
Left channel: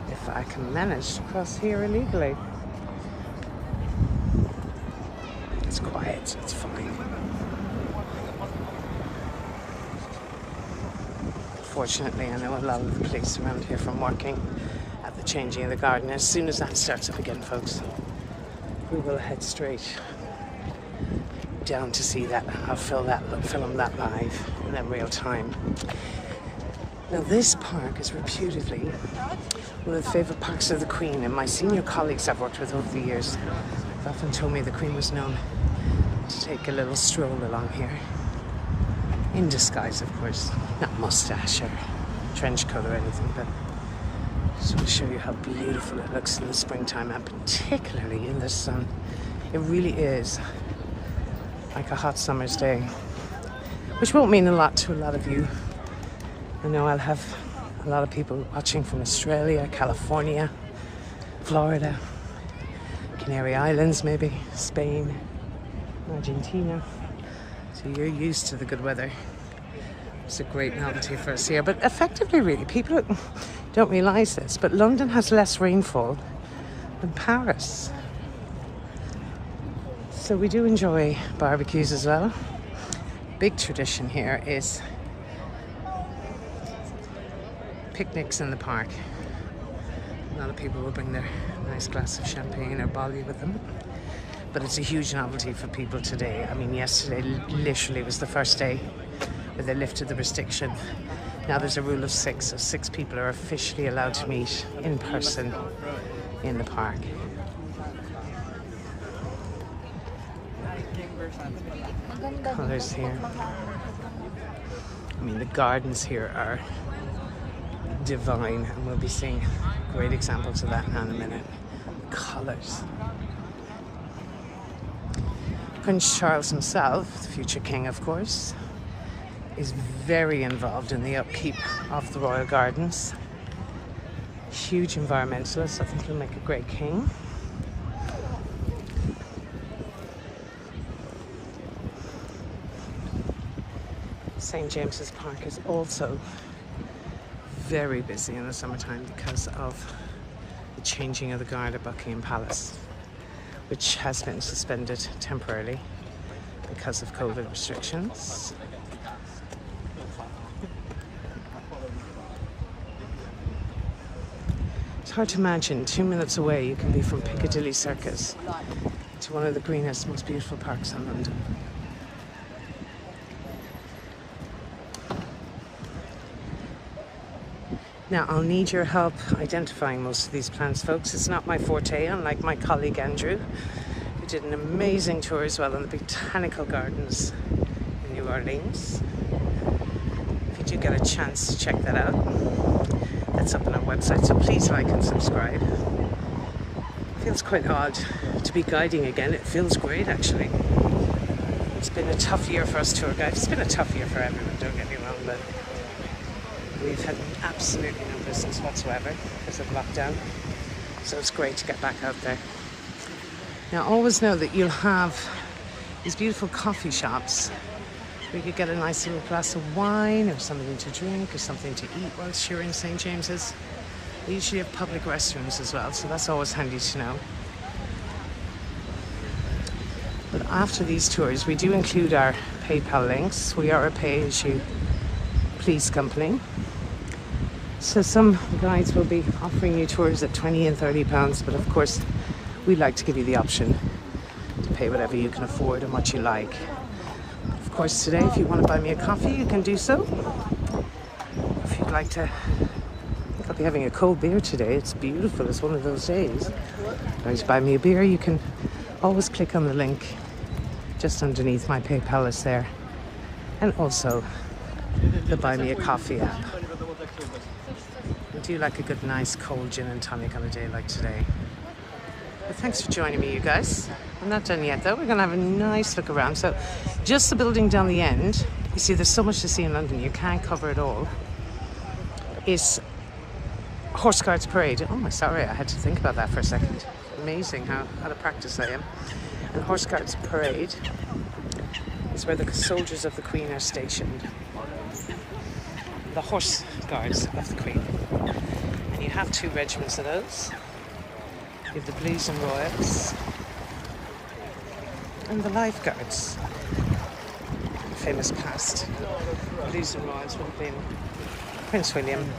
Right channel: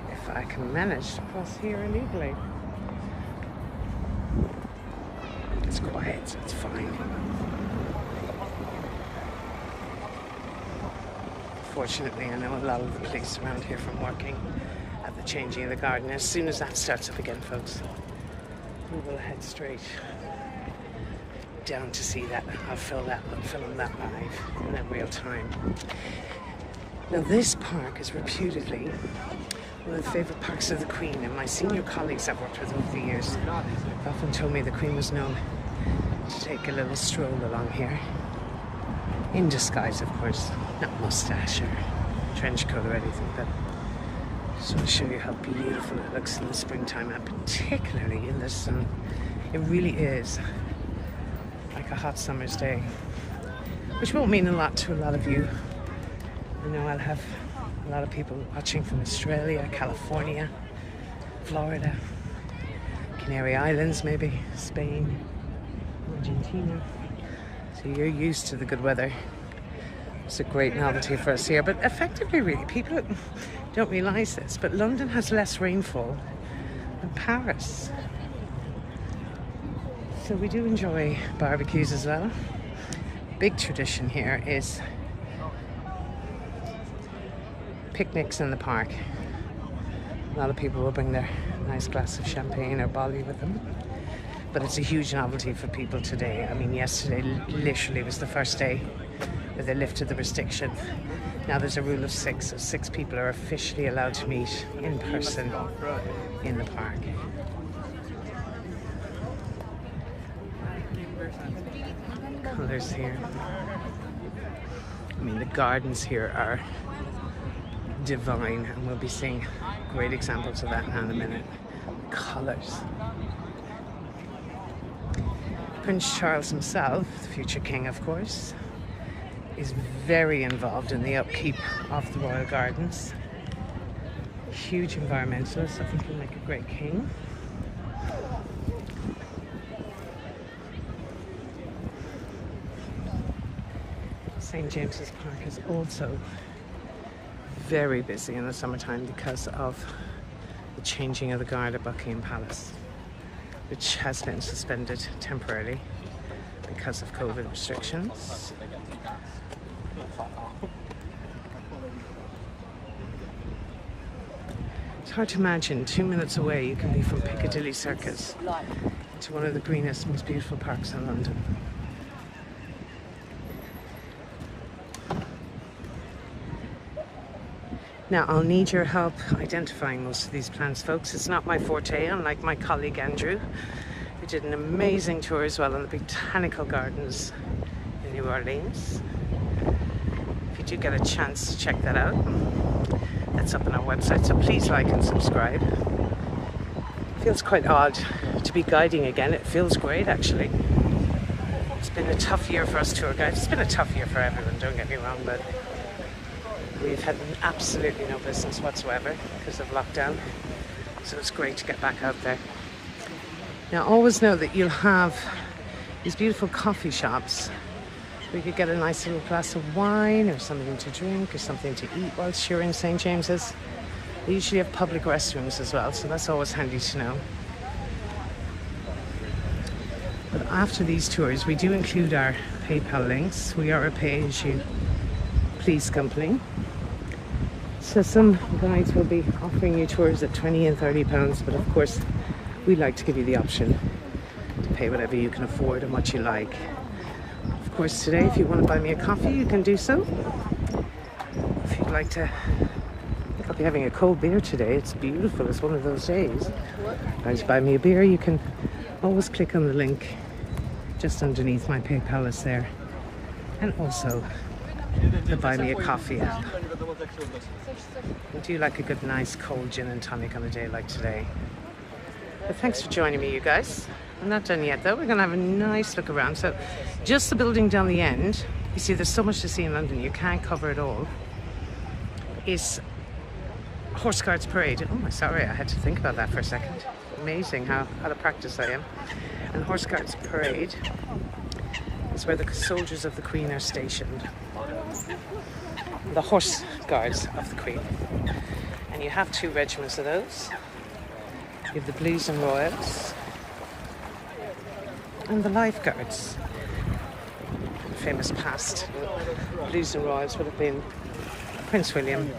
If I can manage to cross here illegally. It's quiet, so it's fine. Fortunately, I know a lot of the police around here from working at the changing of the garden. As soon as that starts up again, folks, we will head straight down to see that. I'll film that live in real time. Now, this park is reputedly one of the favourite parks of the Queen, and my senior colleagues I've worked with over the years have often told me the Queen was known to take a little stroll along here. In disguise, of course, not mustache or trench coat or anything, but just want to show you how beautiful it looks in the springtime, and particularly in the sun. It really is like a hot summer's day, which won't mean a lot to a lot of you. I know I'll have a lot of people watching from Australia, California, Florida, Canary Islands, maybe Spain, Argentina. So you're used to the good weather. It's a great novelty for us here. But effectively, really, people don't realise this, but London has less rainfall than Paris. So we do enjoy barbecues as well. Big tradition here is picnics in the park. A lot of people will bring their nice glass of champagne or Bolly with them. But it's a huge novelty for people today. I mean, yesterday literally was the first day where they lifted the restriction. Now there's a rule of 6, so 6 people are officially allowed to meet in person in the park. Colours here. I mean, the gardens here are divine, and we'll be seeing great examples of that now in a minute. Colours. Prince Charles himself, the future king of course, is very involved in the upkeep of the royal gardens. Huge environmentalist. I think he'll make a great king. St. James's Park is also very busy in the summertime because of the changing of the guard at Buckingham Palace, which has been suspended temporarily because of COVID restrictions. It's hard to imagine 2 minutes away you can be from Piccadilly Circus to one of the greenest, most beautiful parks in London. Now, I'll need your help identifying most of these plants, folks. It's not my forte, unlike my colleague Andrew, who did an amazing tour as well in the Botanical Gardens in New Orleans. If you do get a chance to check that out, that's up on our website, so please like and subscribe. It feels quite odd to be guiding again. It feels great, actually. It's been a tough year for us tour guides. It's been a tough year for everyone, don't get me wrong, but we've had absolutely no business whatsoever because of lockdown. So it's great to get back out there. Now always know that you'll have these beautiful coffee shops where you could get a nice little glass of wine or something to drink or something to eat whilst you're in St. James's. They usually have public restrooms as well, so that's always handy to know. But after these tours, we do include our PayPal links. We are a pay-as-you-please company. So some guides will be offering you tours at £20 and £30, but of course, we like to give you the option to pay whatever you can afford and what you like. Of course, today, if you want to buy me a coffee, you can do so. If you'd like to, I'll be having a cold beer today. It's beautiful. It's one of those days. Guys, buy me a beer. You can always click on the link just underneath my PayPal is there, and also the Buy Me a Coffee app. I do like a good, nice, cold gin and tonic on a day like today. But thanks for joining me, you guys. I'm not done yet, though. We're going to have a nice look around. So, just the building down the end. You see, there's so much to see in London. You can't cover it all. Is Horse Guards Parade. Oh, sorry, I had to think about that for a second. Amazing how out of practice I am. And Horse Guards Parade is where the soldiers of the Queen are stationed. The Horse Guards of the Queen. And you have two regiments of those. You have the Blues and Royals and the Life Guards. Famous past, the Blues and Royals would have been Prince William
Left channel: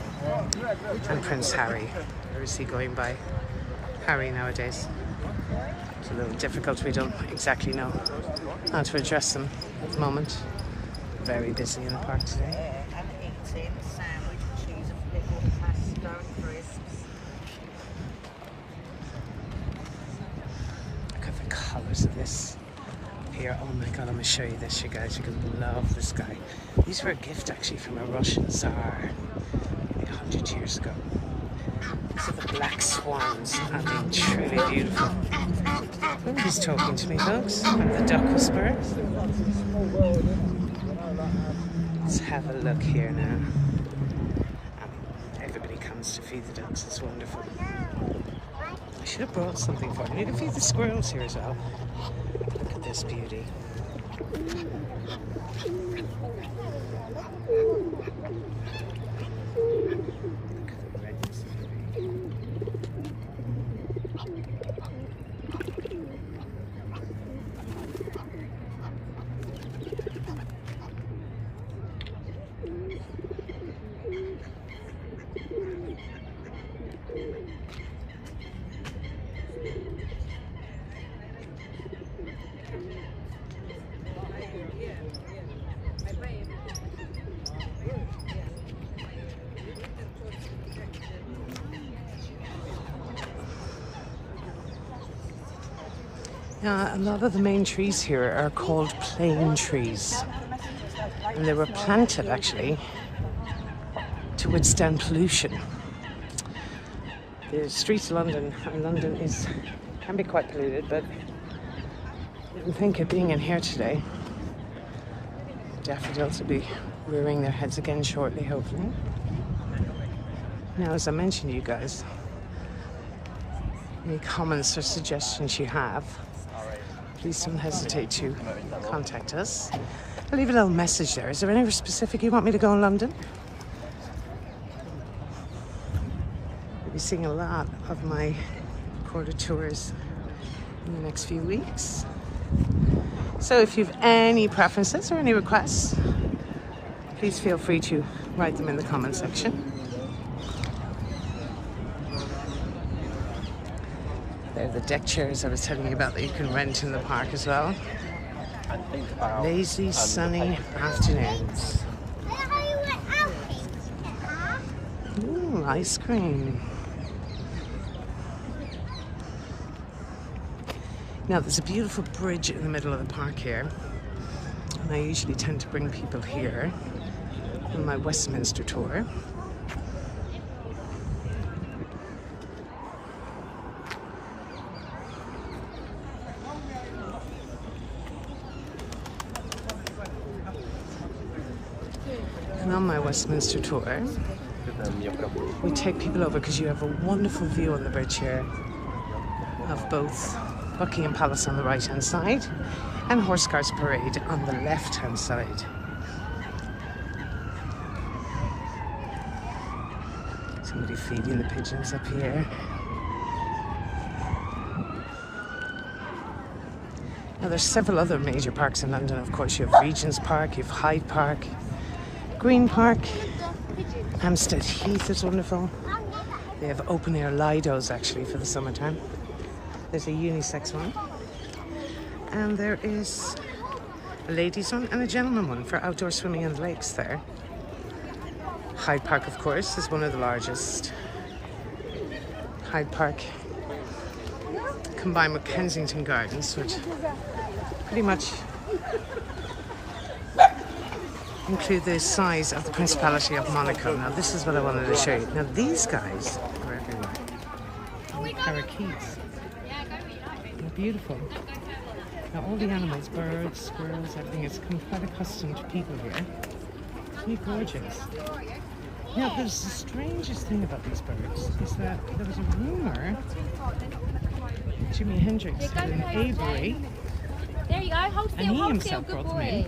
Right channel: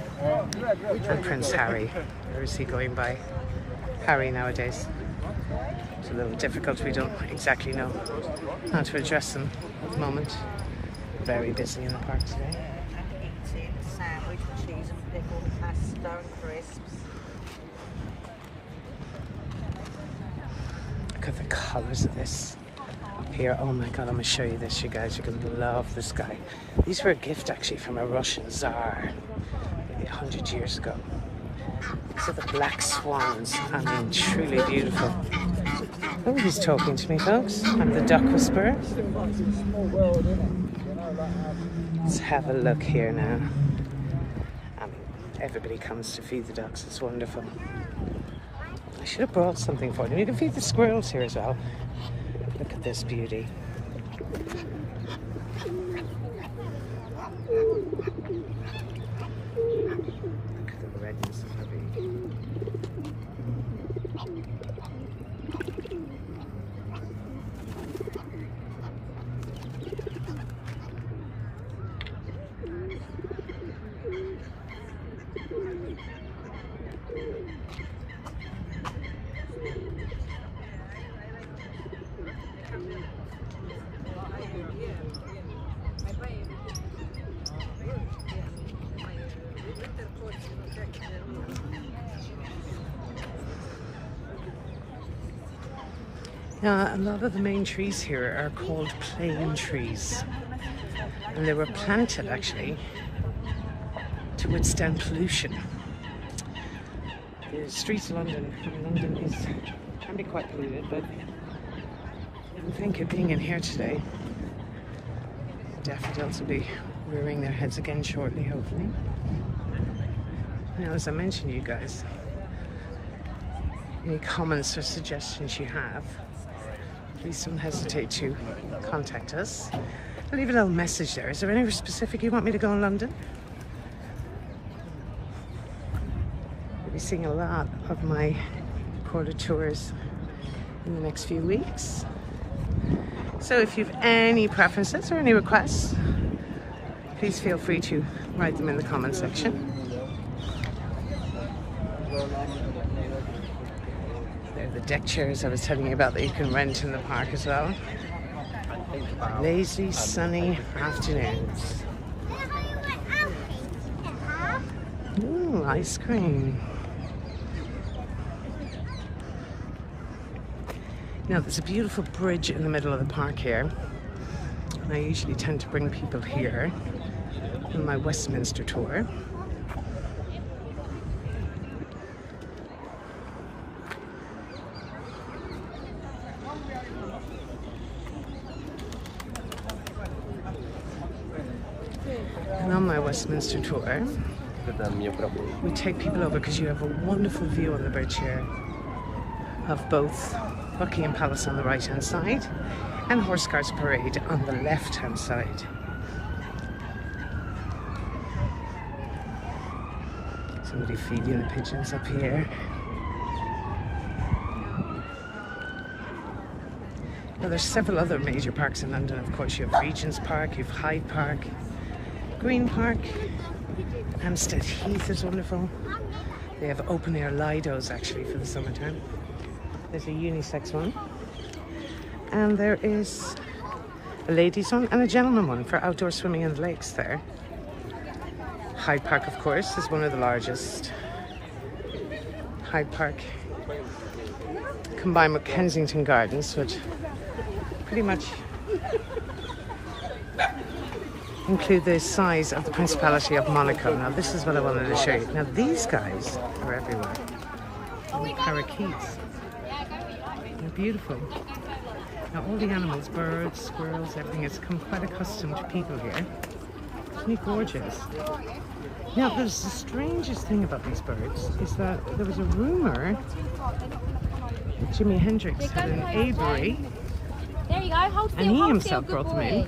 and Prince Harry. Or is he going by Harry nowadays? It's a little difficult. We don't exactly know how to address them at the moment. Very busy in the park today. Look at the colours of this here. Oh my god, I'm going to show you this, you guys. You're going to love this guy. These were a gift actually from a Russian Tsar 100 years ago. These are the black swans. I mean, truly beautiful. Oh, he's talking to me, folks. I'm the duck whisperer. Let's have a look here now. I mean, everybody comes to feed the ducks. It's wonderful. I should have brought something for them. You can feed the squirrels here as well. Look at this beauty. Look at the redness of the tree. A lot of the main trees here are called plane trees, and they were planted actually to withstand pollution. The streets of London, and London can be quite polluted, but I think of being in here today, daffodils will be rearing their heads again shortly, hopefully. Now, as I mentioned to you guys, any comments or suggestions you have, please don't hesitate to contact us. I'll leave a little message there. Is there anywhere specific you want me to go in London? We'll be seeing a lot of my quarter tours in the next few weeks. So if you have any preferences or any requests, please feel free to write them in the comment section. There are the deck chairs I was telling you about that you can rent in the park as well. Lazy, sunny afternoons. Ooh, ice cream. Now there's a beautiful bridge in the middle of the park here, and I usually tend to bring people here on my Westminster tour. on my Westminster tour, we take people over because you have a wonderful view on the bridge here of both Buckingham Palace on the right hand side and Horse Guards Parade on the left hand side. Somebody feeding the pigeons up here. Now there's several other major parks in London, of course. You have Regent's Park, you have Hyde Park, Green Park, Hampstead Heath is wonderful. They have open air Lidos actually for the summertime. There's a unisex one. And there is a ladies one and a gentleman one for outdoor swimming in the lakes there. Hyde Park, of course, is one of the largest. Hyde Park combined with Kensington Gardens would pretty much include the size of the Principality of Monaco. Now this is what I wanted to show you. Now these guys are everywhere. Parakeets. They're beautiful. Now all the animals, birds, squirrels, everything has become quite accustomed to people here. Isn't it gorgeous? Now there's the strangest thing about these birds is that there was a rumour Jimi Hendrix had an aviary and he himself brought them in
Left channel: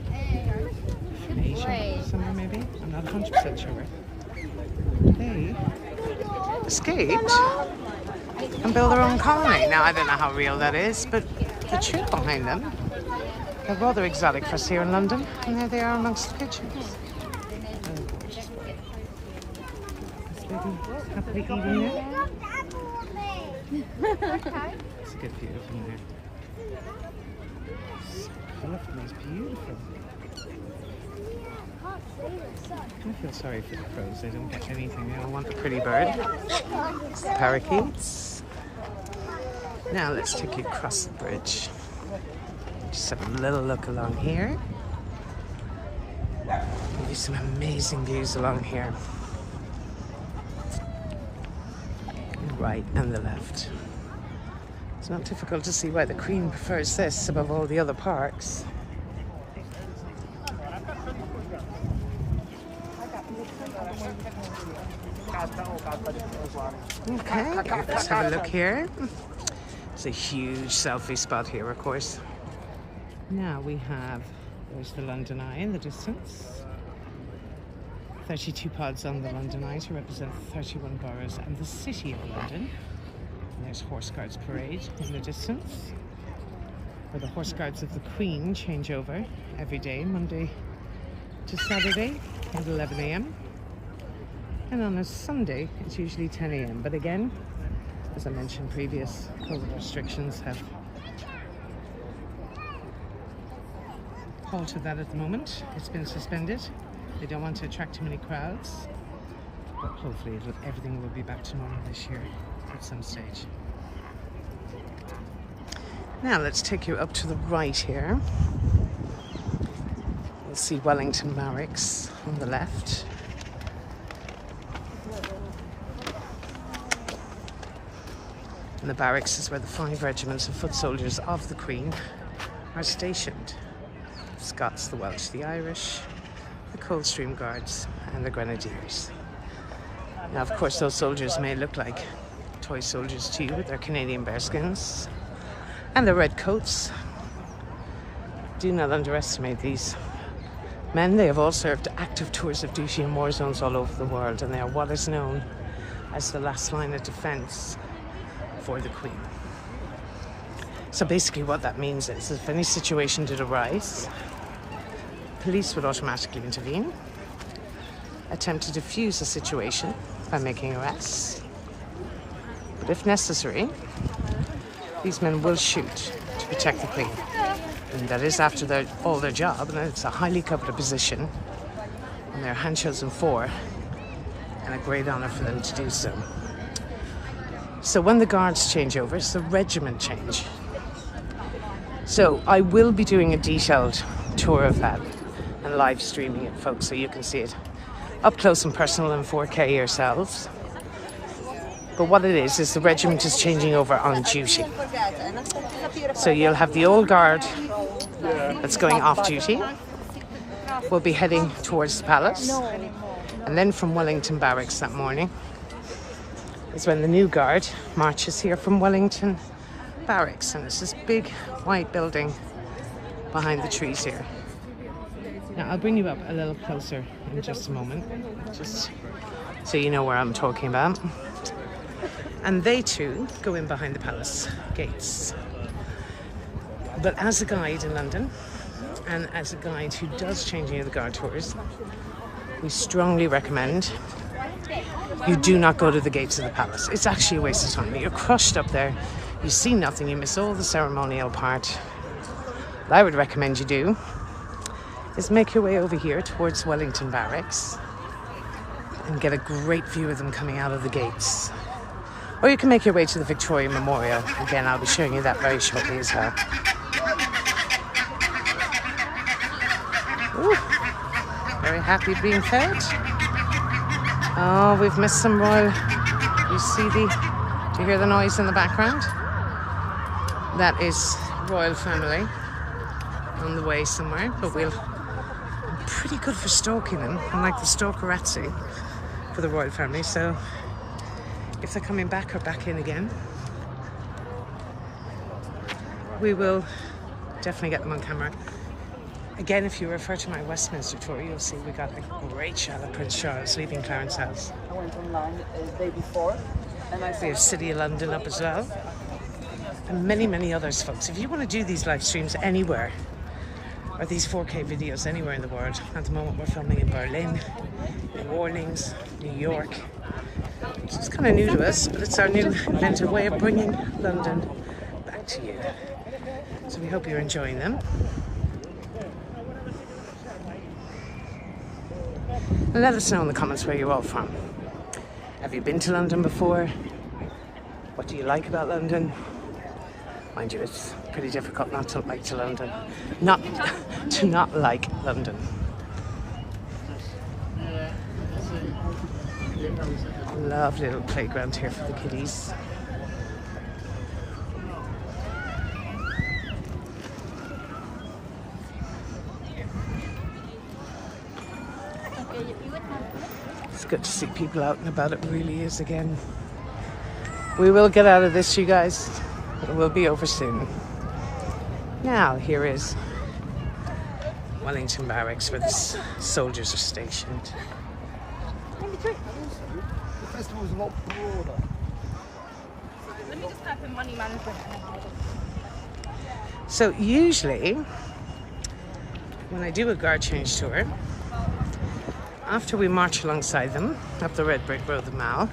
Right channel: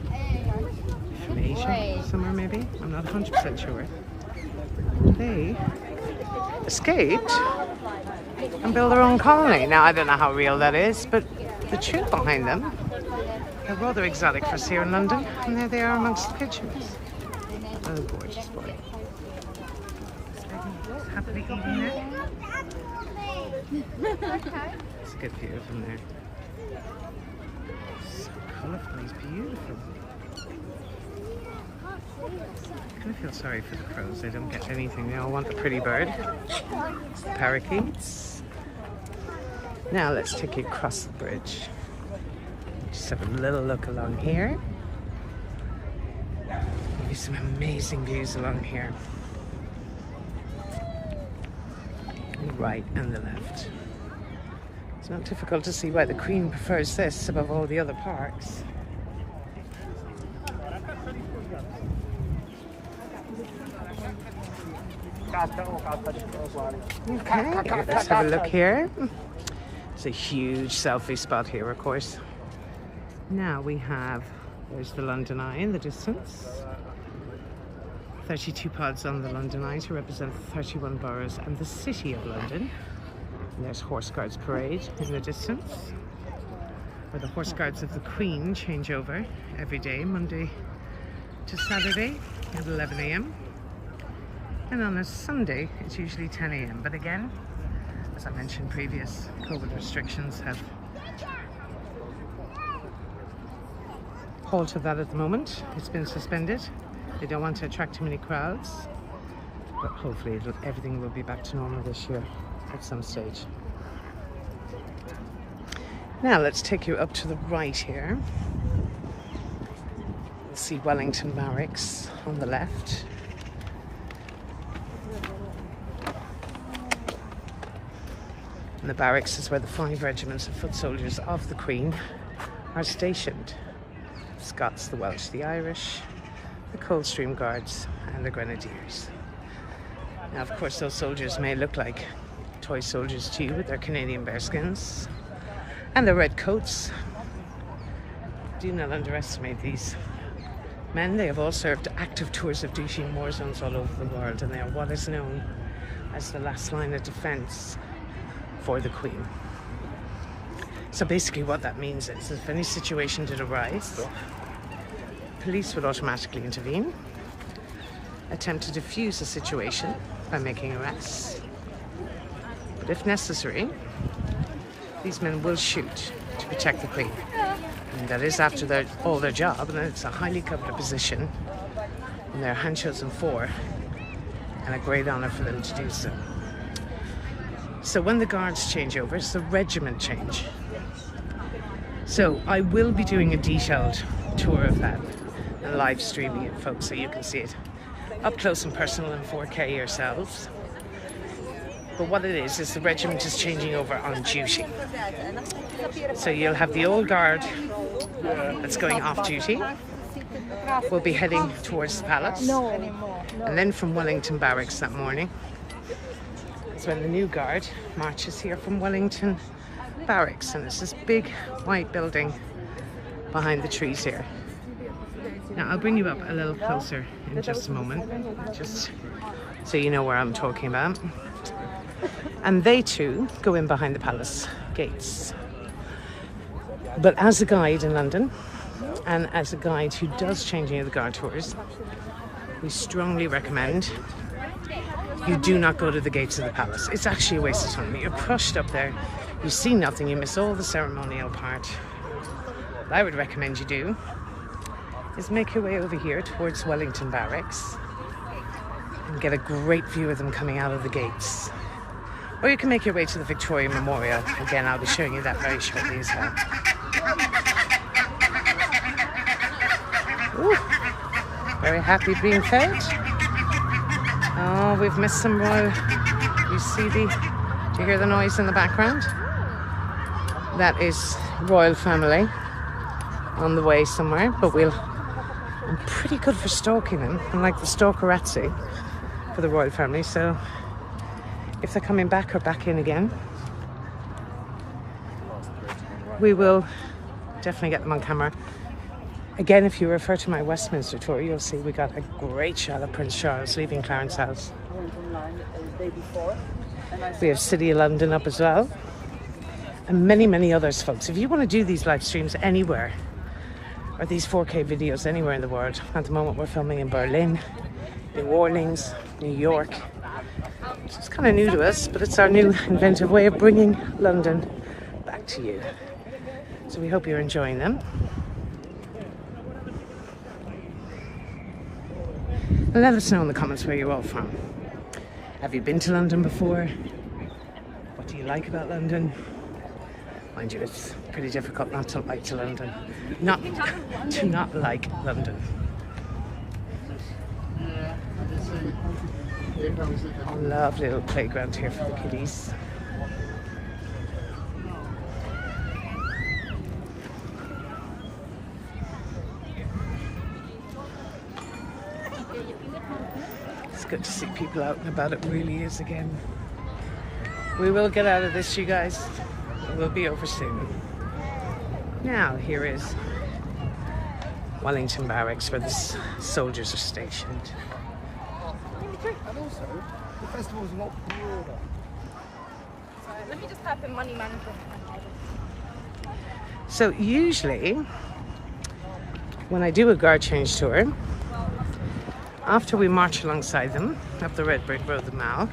from Asia, somewhere maybe, I'm not 100% sure. They escaped and built their own colony. Now I don't know how real that is, but the truth behind them, they're rather exotic for us here in London, and there they are amongst the pigeons. Oh, gorgeous boy. Happily eating there. It's a good view from there. So colourful, he's beautiful. I kind of feel sorry for the crows, they don't get anything, they all want the pretty bird. Parakeets. Now let's take you across the bridge. Just have a little look along here. Give you some amazing views along here. The right and the left. It's not difficult to see why the Queen prefers this above all the other parks. Okay, let's have a look here. It's a huge selfie spot here, of course. Now we have, there's the London Eye in the distance. 32 pods on the London Eye to represent 31 boroughs and the City of London. And there's Horse Guards Parade in the distance, where the Horse Guards of the Queen change over every day, Monday to Saturday at 11 AM. And on a Sunday, it's usually 10 AM. But again, as I mentioned, previous COVID restrictions have halted that at the moment. It's been suspended. They don't want to attract too many crowds, but hopefully everything will be back to normal this year at some stage. Now let's take you up to the right here. You'll see Wellington Barracks on the left. And the barracks is where the 5 regiments of foot soldiers of the Queen are stationed. The Scots, the Welsh, the Irish, the Coldstream Guards and the Grenadiers. Now of course those soldiers may look like toy soldiers to you with their Canadian bearskins and their red coats. Do not underestimate these men. They have all served active tours of duty in war zones all over the world, and they are what is known as the last line of defence for the Queen. So basically what that means is if any situation did arise, police would automatically intervene, attempt to defuse the situation by making arrests. But if necessary, these men will shoot to protect the Queen. And that is after all their job, and it's a highly coveted position, and they're hand-chosen for, and a great honour for them to do so. So when the guards change over, it's the regiment change. So I will be doing a detailed tour of that and live streaming it, folks, so you can see it up close and personal in 4K yourselves. But what it is the regiment is changing over on duty. So you'll have the old guard that's going off duty, we'll be heading towards the palace. And then from Wellington Barracks that morning is when the new guard marches here from Wellington Barracks. And it's this big white building behind the trees here. Now I'll bring you up a little closer in just a moment, just so you know where I'm talking about. And they too go in behind the palace gates. But as a guide in London, and as a guide who does changing of the guard tours, we strongly recommend you do not go to the gates of the palace. It's actually a waste of time. You're crushed up there, you see nothing, you miss all the ceremonial part. What I would recommend you do is make your way over here towards Wellington Barracks and get a great view of them coming out of the gates. Or you can make your way to the Victoria Memorial. Again, I'll be showing you that very shortly as well. Ooh, very happy being fed. Oh, we've missed some royal. Do you hear the noise in the background? That is royal family on the way somewhere, but I'm pretty good for stalking them. I'm like the stalkerazzi for the royal family, so if they're coming back or back in again, we will definitely get them on camera. Again, if you refer to my Westminster tour, you'll see we got a great shot of Prince Charles leaving Clarence House. I went online the day before. We have City of London up as well. And many, many others, folks. If you want to do these live streams anywhere, or these 4K videos anywhere in the world, at the moment we're filming in Berlin, New Orleans, New York. It's kind of new to us, but it's our new inventive way of bringing London back to you. So we hope you're enjoying them. And let us know in the comments where you're all from. Have you been to London before? What do you like about London? Mind you, it's pretty difficult not to like London. Not like London. Lovely little playground here for the kiddies. It's good to see people out and about. It really is again. We will get out of this, you guys. It will be over soon. Now, here is Wellington Barracks, where the soldiers are stationed. And also, the festival's a lot broader. Let me just type in money management. So usually, when I do a guard change tour, after we march alongside them up the red brick road, the Mall,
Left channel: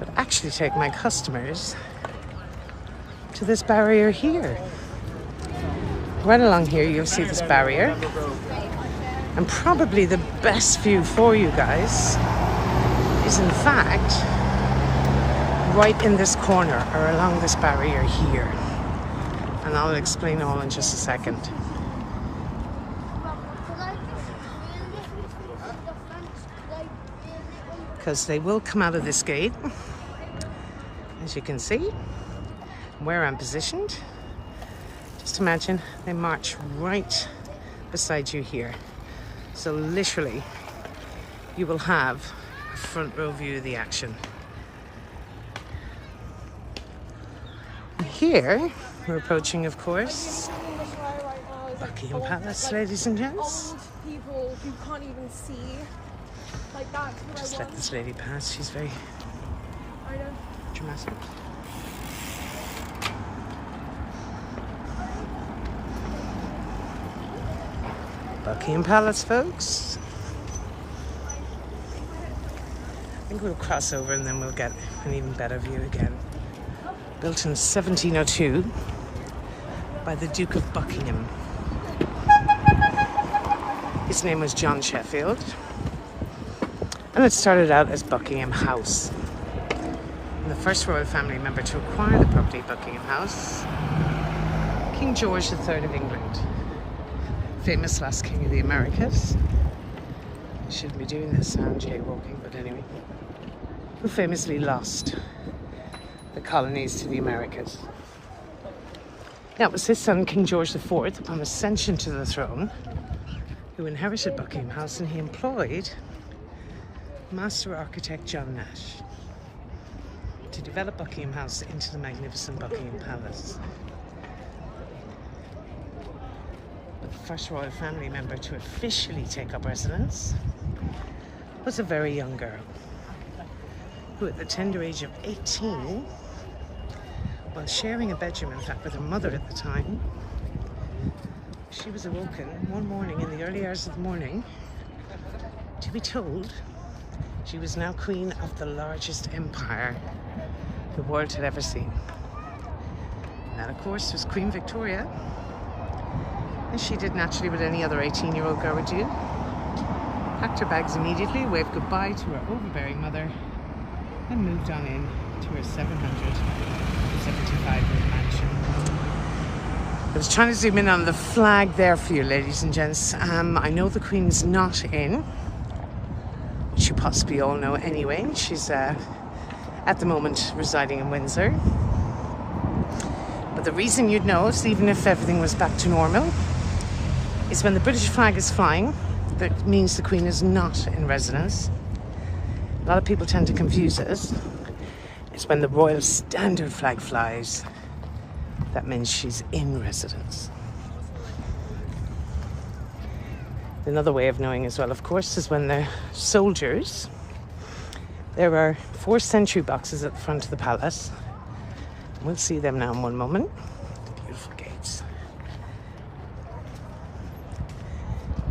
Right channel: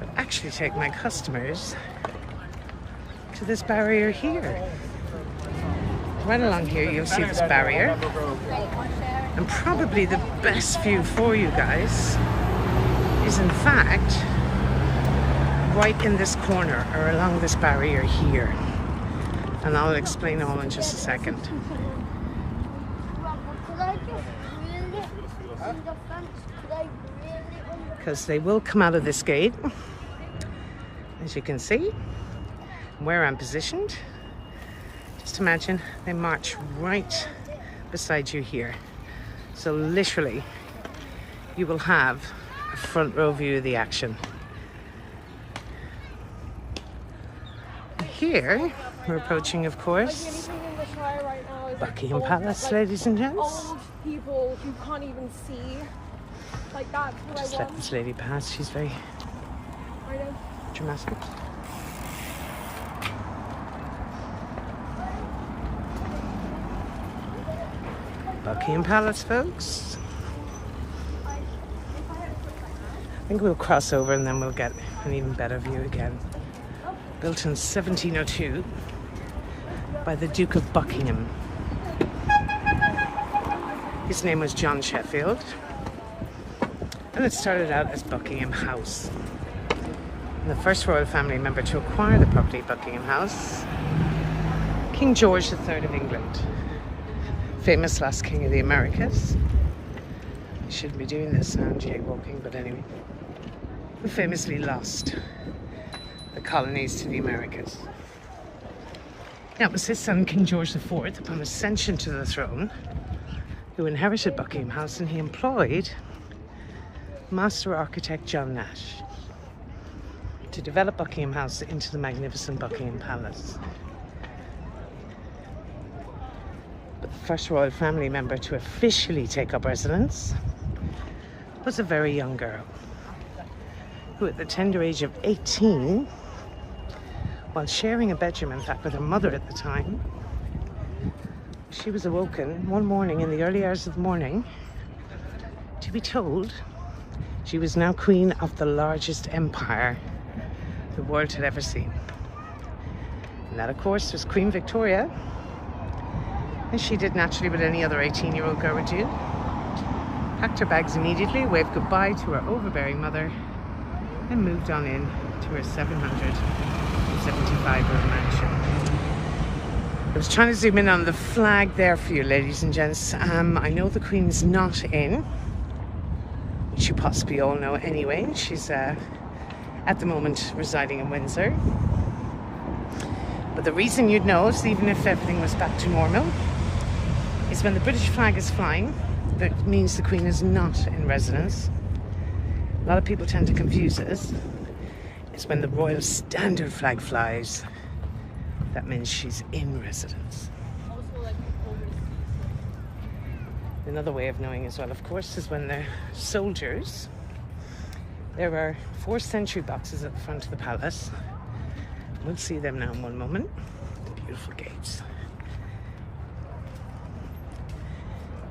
I'd actually take my customers to this barrier here. Right along here, you'll see this barrier. And probably the best view for you guys is, in fact, right in this corner or along this barrier here. And I'll explain all in just a second. Because they will come out of this gate, as you can see, where I'm positioned. Just imagine they march right beside you here. So literally, you will have a front row view of the action. And here, we're approaching, of course, Buckingham Palace, ladies and gents. People you can't even see. Like that. Just let this lady pass. She's very dramatic. Buckingham Palace, folks. I think we'll cross over and then we'll get an even better view again. Built in 1702 by the Duke of Buckingham. His name was John Sheffield, and it started out as Buckingham House. And the first royal family member to acquire the property, Buckingham House, King George III of England. Famous last king of the Americas. I shouldn't be doing this sound jaywalking, but anyway. Who famously lost the colonies to the Americas. Now, it was his son, King George IV, upon ascension to the throne, who who inherited Buckingham House, and he employed master architect John Nash to develop Buckingham House into the magnificent Buckingham Palace. But the first royal family member to officially take up residence was a very young girl who, at the tender age of 18, while sharing a bedroom, in fact, with her mother at the time, she was awoken one morning in the early hours of the morning to be told she was now queen of the largest empire the world had ever seen. And that, of course, was Queen Victoria, as she did naturally what any other 18-year-old girl would do. Packed her bags immediately, waved goodbye to her overbearing mother, and moved on in to her 775-room mansion. I was trying to zoom in on the flag there for you, ladies and gents. I know the Queen's not in, which you possibly all know anyway. She's at the moment residing in Windsor. But the reason you'd know it, even if everything was back to normal, is when the British flag is flying, that means the Queen is not in residence. A lot of people tend to confuse us. It's when the Royal Standard flag flies, that means she's in residence. Another way of knowing as well, of course, is when the soldiers, there are 4 sentry boxes at the front of the palace. We'll see them now in one moment. The beautiful gates.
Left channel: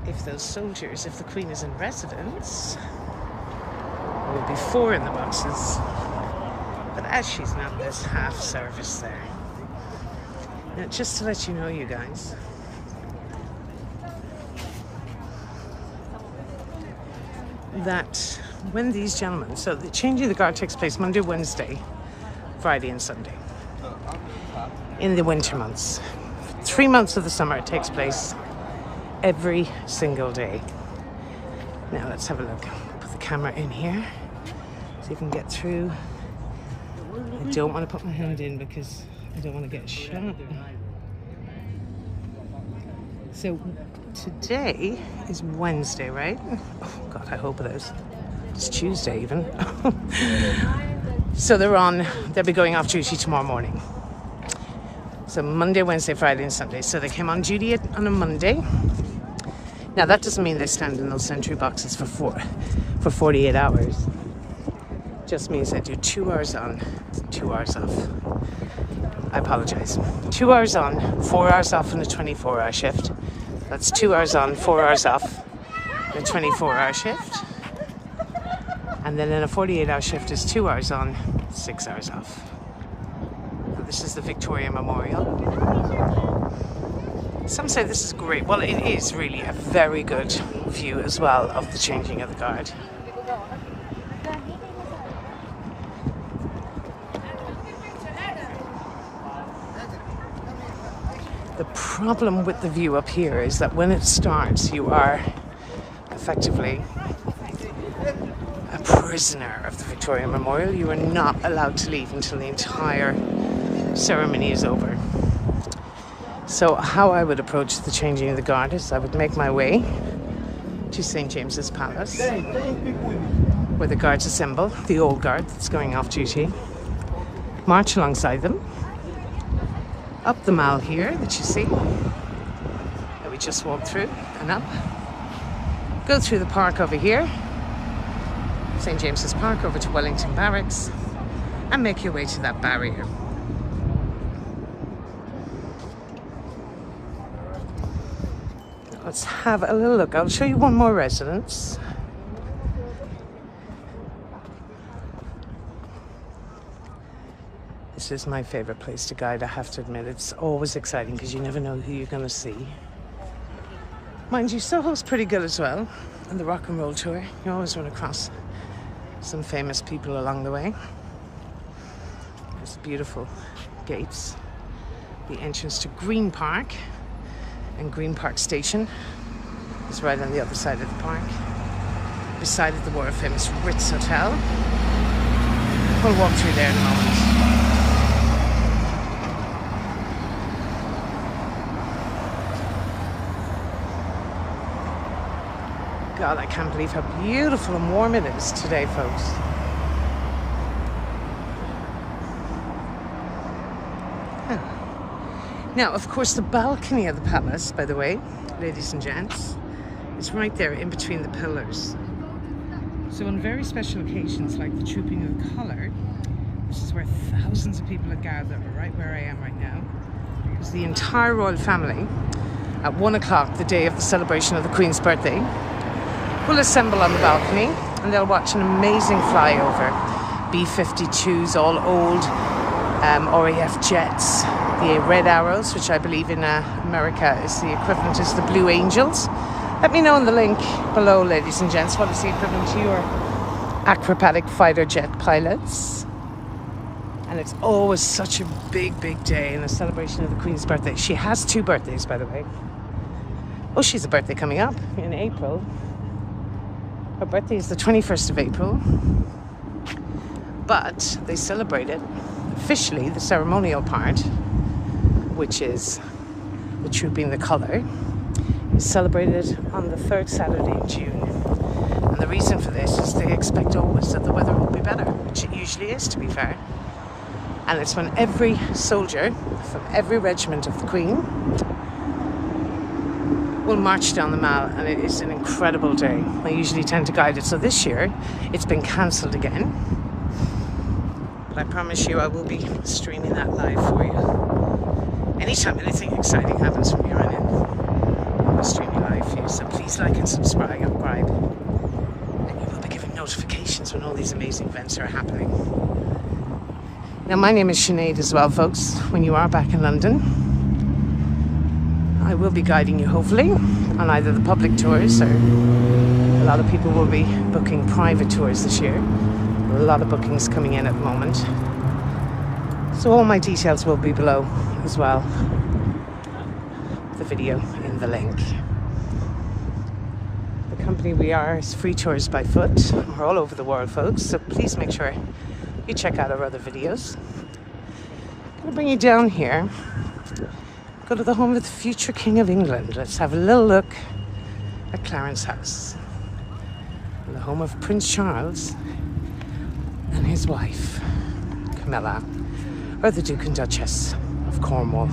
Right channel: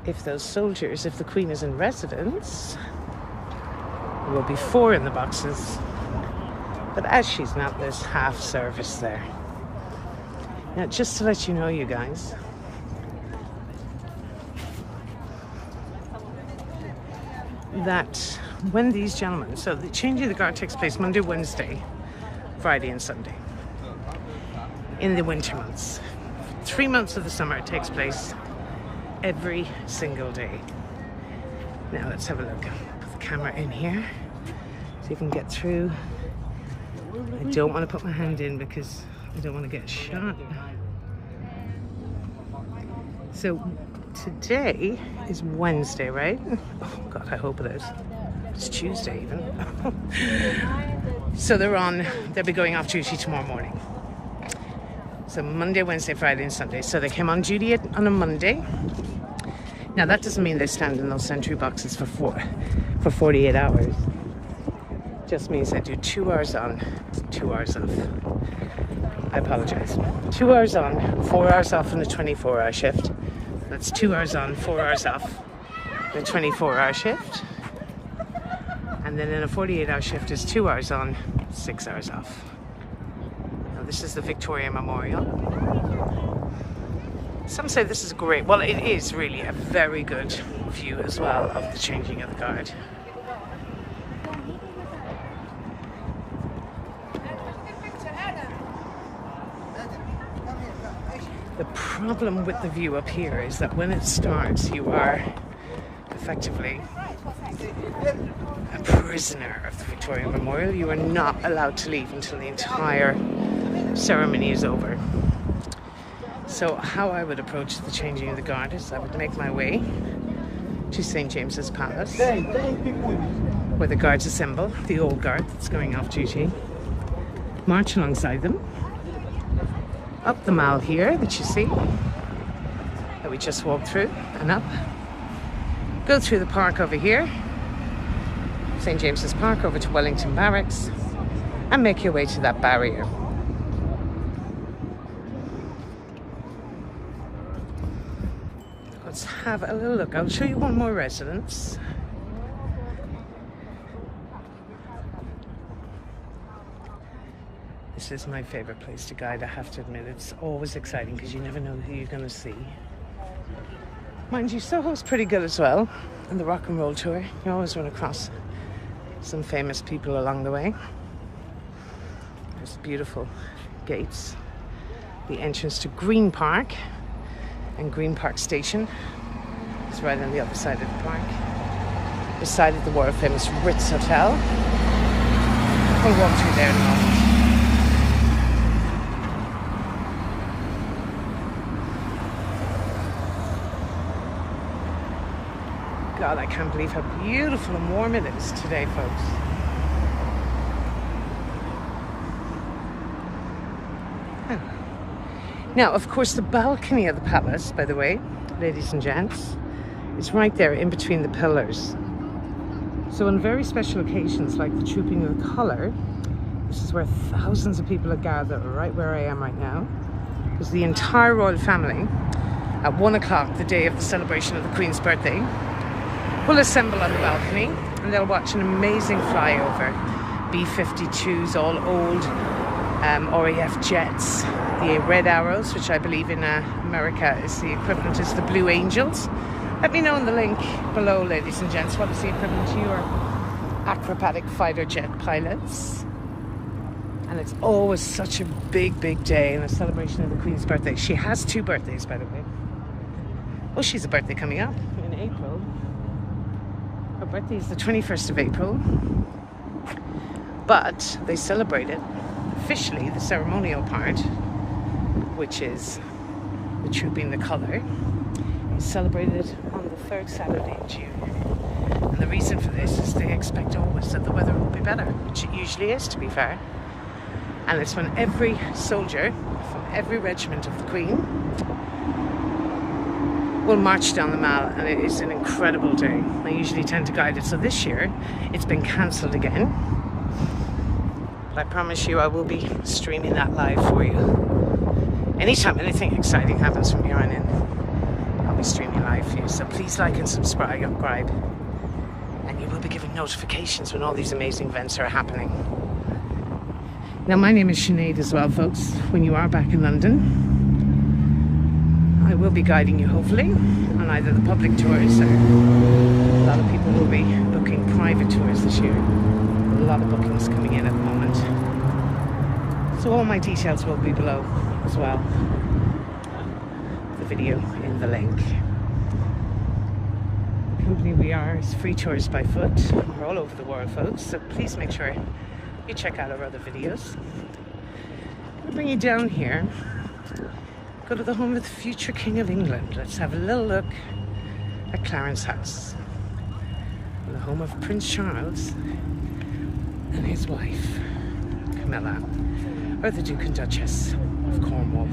If those soldiers, if the Queen is in residence, there will be 4 in the boxes. But as she's not, there's half service there. Now, just to let you know, you guys, that when these gentlemen, so the changing of the guard takes place Monday, Wednesday, Friday and Sunday in the winter months. 3 months of the summer it takes place every single day. Now let's have a look. Put the camera in here so you can get through. I don't want to put my hand in because I don't want to get shot. So today is Wednesday, right? Oh God, I hope it is. It's Tuesday even. So they'll be going off duty tomorrow morning. So Monday, Wednesday, Friday and Sunday. So they came on duty on a Monday. Now that doesn't mean they stand in those sentry boxes for 48 hours. Just means they do 2 hours on, 2 hours off. I apologize. 2 hours on, 4 hours off in a 24-hour shift. That's 2 hours on, 4 hours off in a 24-hour shift. And then in a 48-hour shift is 2 hours on, 6 hours off. Now this is the Victoria Memorial. Some say this is great. Well, it is really a very good view as well of the changing of the guard. The problem with the view up here is that when it starts, you are effectively a prisoner of the Victoria Memorial. You are not allowed to leave until the entire ceremony is over. So how I would approach the changing of the guard is I would make my way to St. James's Palace, where the guards assemble, the old guard that's going off duty, march alongside them, up the Mall here that you see, that we just walked through, and up, go through the park over here, St. James's Park, over to Wellington Barracks, and make your way to that barrier. Let's have a little look. I'll show you one more residence. This is my favorite place to guide, I have to admit. It's always exciting because you never know who you're going to see. Mind you, Soho's pretty good as well. And the rock and roll tour, you always run across some famous people along the way. There's beautiful gates. The entrance to Green Park, and Green Park Station is right on the other side of the park, beside the world famous Ritz Hotel. We'll walk through there in a moment. God, I can't believe how beautiful and warm it is today, folks. Now, of course, the balcony of the palace, by the way, ladies and gents, is right there in between the pillars. So on very special occasions, like the Trooping of the Colour, this is where thousands of people are gathered, right where I am right now, because the entire royal family, at 1 o'clock, the day of the celebration of the Queen's birthday, will assemble on the balcony and they'll watch an amazing flyover. B-52s, all old RAF jets. The Red Arrows, which I believe in America is the equivalent is the Blue Angels. Let me know in the link below, ladies and gents, what is the equivalent to your acrobatic fighter jet pilots. And it's always such a big, big day in a celebration of the Queen's birthday. She has 2 birthdays, by the way. Oh, she's a birthday coming up in April. Her birthday is the 21st of April. But they celebrated officially the ceremonial part, which is the Trooping the Colour, is celebrated on the 3rd Saturday in June. And the reason for this is they expect always that the weather will be better, which it usually is, to be fair. And it's when every soldier from every regiment of the Queen will march down the Mall, and it is an incredible day. I usually tend to guide it, so this year it's been cancelled again. But I promise you I will be streaming that live for you. Anytime anything exciting happens from here on in, I'll be streaming live for you. So please like and subscribe. And you will be given notifications when all these amazing events are happening. Now, my name is Sinead as well, folks. When you are back in London, I will be guiding you, hopefully, on either the public tours or a lot of people will be booking private tours this year. A lot of bookings coming in at the moment. So all my details will be below as well. The video in the link. The company we are is Free Tours by Foot. We're all over the world, folks, so please make sure you check out our other videos. I'm gonna bring you down here. Go to the home of the future King of England. Let's have a little look at Clarence House. And the home of Prince Charles and his wife, Camilla, or the Duke and Duchess of Cornwall.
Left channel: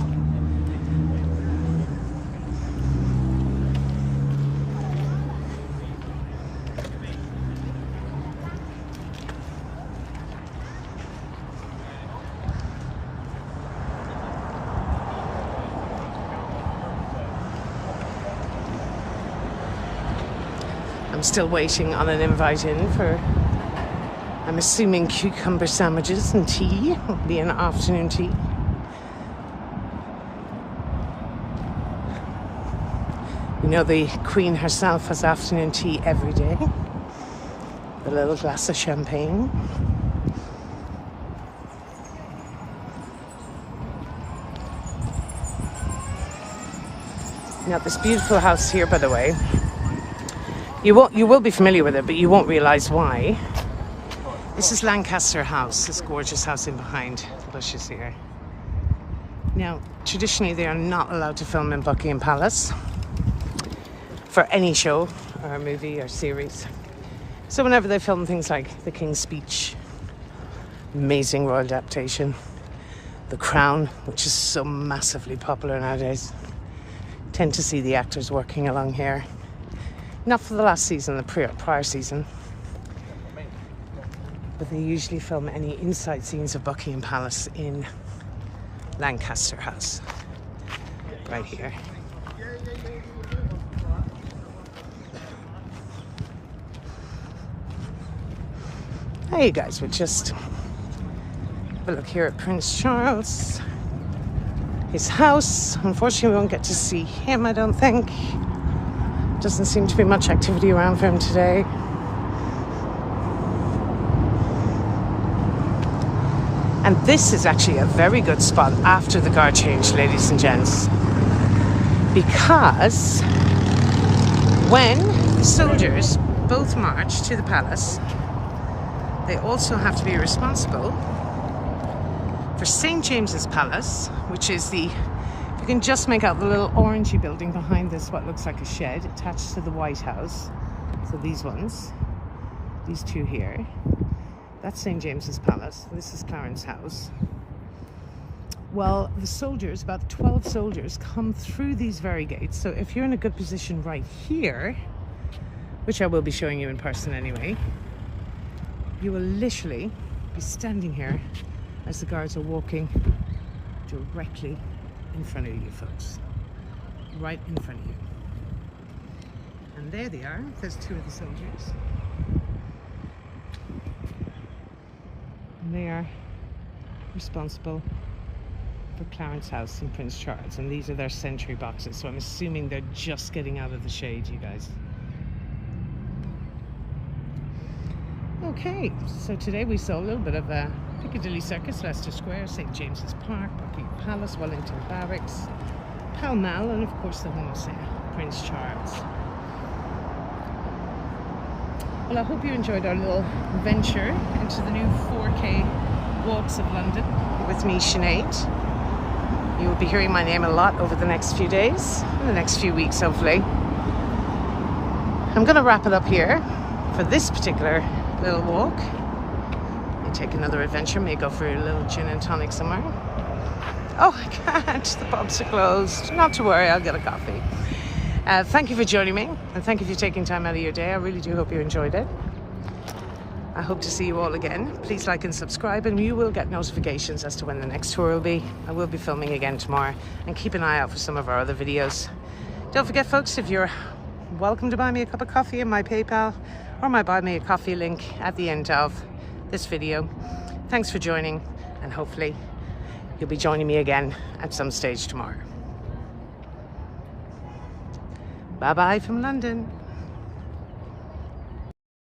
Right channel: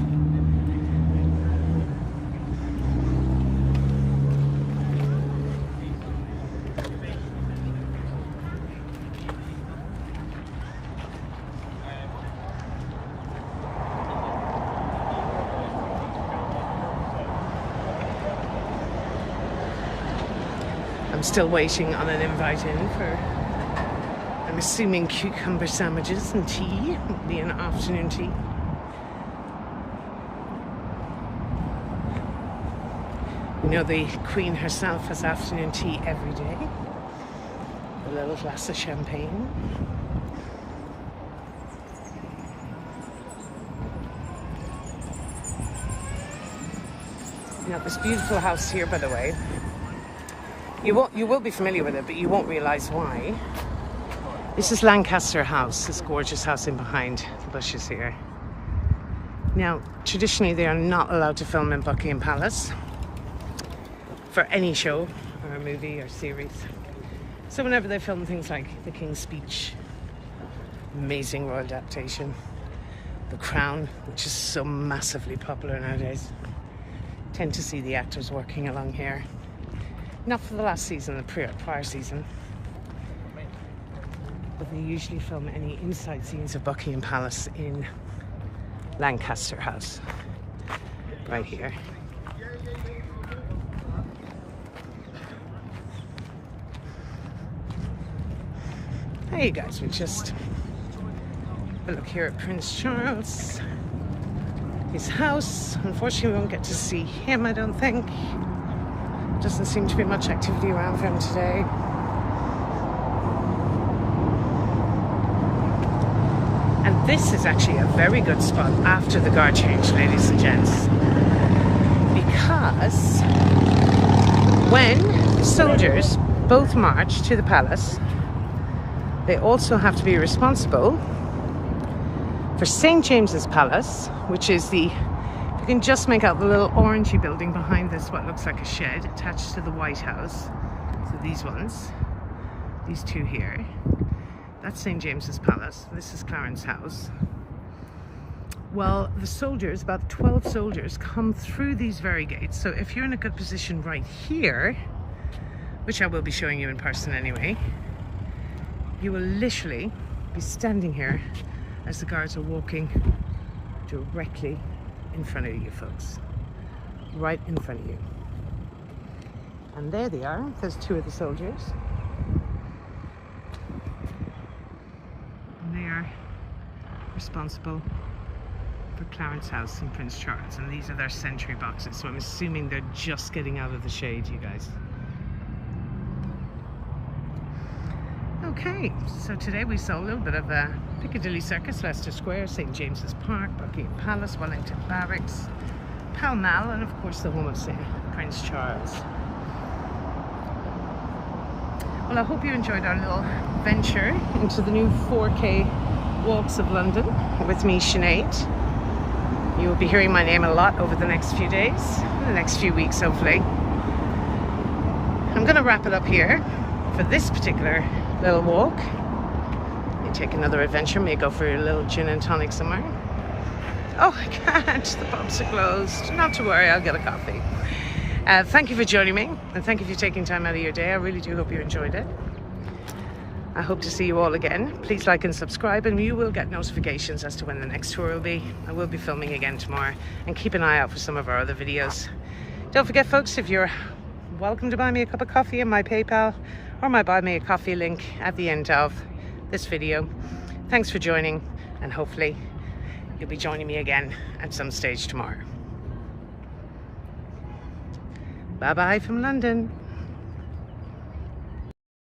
I'm still waiting on an invite in for, I'm assuming, cucumber sandwiches and tea. It'll be an afternoon tea. You know, the Queen herself has afternoon tea every day. A little glass of champagne. Now, this beautiful house here, by the way, you will be familiar with it, but you won't realise why. This is Lancaster House, this gorgeous house in behind the bushes here. Now, traditionally they are not allowed to film in Buckingham Palace for any show or movie or series. So whenever they film things like The King's Speech, amazing royal adaptation, The Crown, which is so massively popular nowadays, tend to see the actors working along here. Not for the last season, the prior season. But they usually film any inside scenes of Buckingham Palace in Lancaster House. Right here. Hey, you guys, we'll just have a look here at Prince Charles. His house. Unfortunately, we won't get to see him, I don't think. Doesn't seem to be much activity around for him today. And this is actually a very good spot after the guard change, ladies and gents. Because when the soldiers both march to the palace, they also have to be responsible for St. James's Palace, which is the, you can just make out the little orangey building behind this, what looks like a shed attached to the White House. So these ones, these two here, that's St. James's Palace. This is Clarence House. Well, the soldiers, about 12 soldiers, come through these very gates. So if you're in a good position right here, which I will be showing you in person anyway, you will literally be standing here as the guards are walking directly in front of you, folks. Right in front of you. And there they are. There's two of the soldiers. And they are responsible for Clarence House and Prince Charles. And these are their sentry boxes. So I'm assuming they're just getting out of the shade, you guys. Okay, so today we saw a little bit of Piccadilly Circus, Leicester Square, St. James's Park, Buckingham Palace, Wellington Barracks, Pall Mall, and of course the home of Prince Charles. Well, I hope you enjoyed our little venture into the new 4K walks of London with me, Sinead. You will be hearing my name a lot over the next few days, the next few weeks hopefully. I'm going to wrap it up here for this particular little walk. May take another adventure, may go for a little gin and tonic somewhere. Oh, I can't, the pubs are closed. Not to worry, I'll get a coffee. Thank you for joining me, and thank you for taking time out of your day. I really do hope you enjoyed it. I hope to see you all again. Please like and subscribe, and you will get notifications as to when the next tour will be. I will be filming again tomorrow, and keep an eye out for some of our other videos. Don't forget, folks, if you're welcome to buy me a cup of coffee in my PayPal or my Buy Me a Coffee link at the end of this video. Thanks for joining, and hopefully you'll be joining me again at some stage tomorrow. Bye bye from London.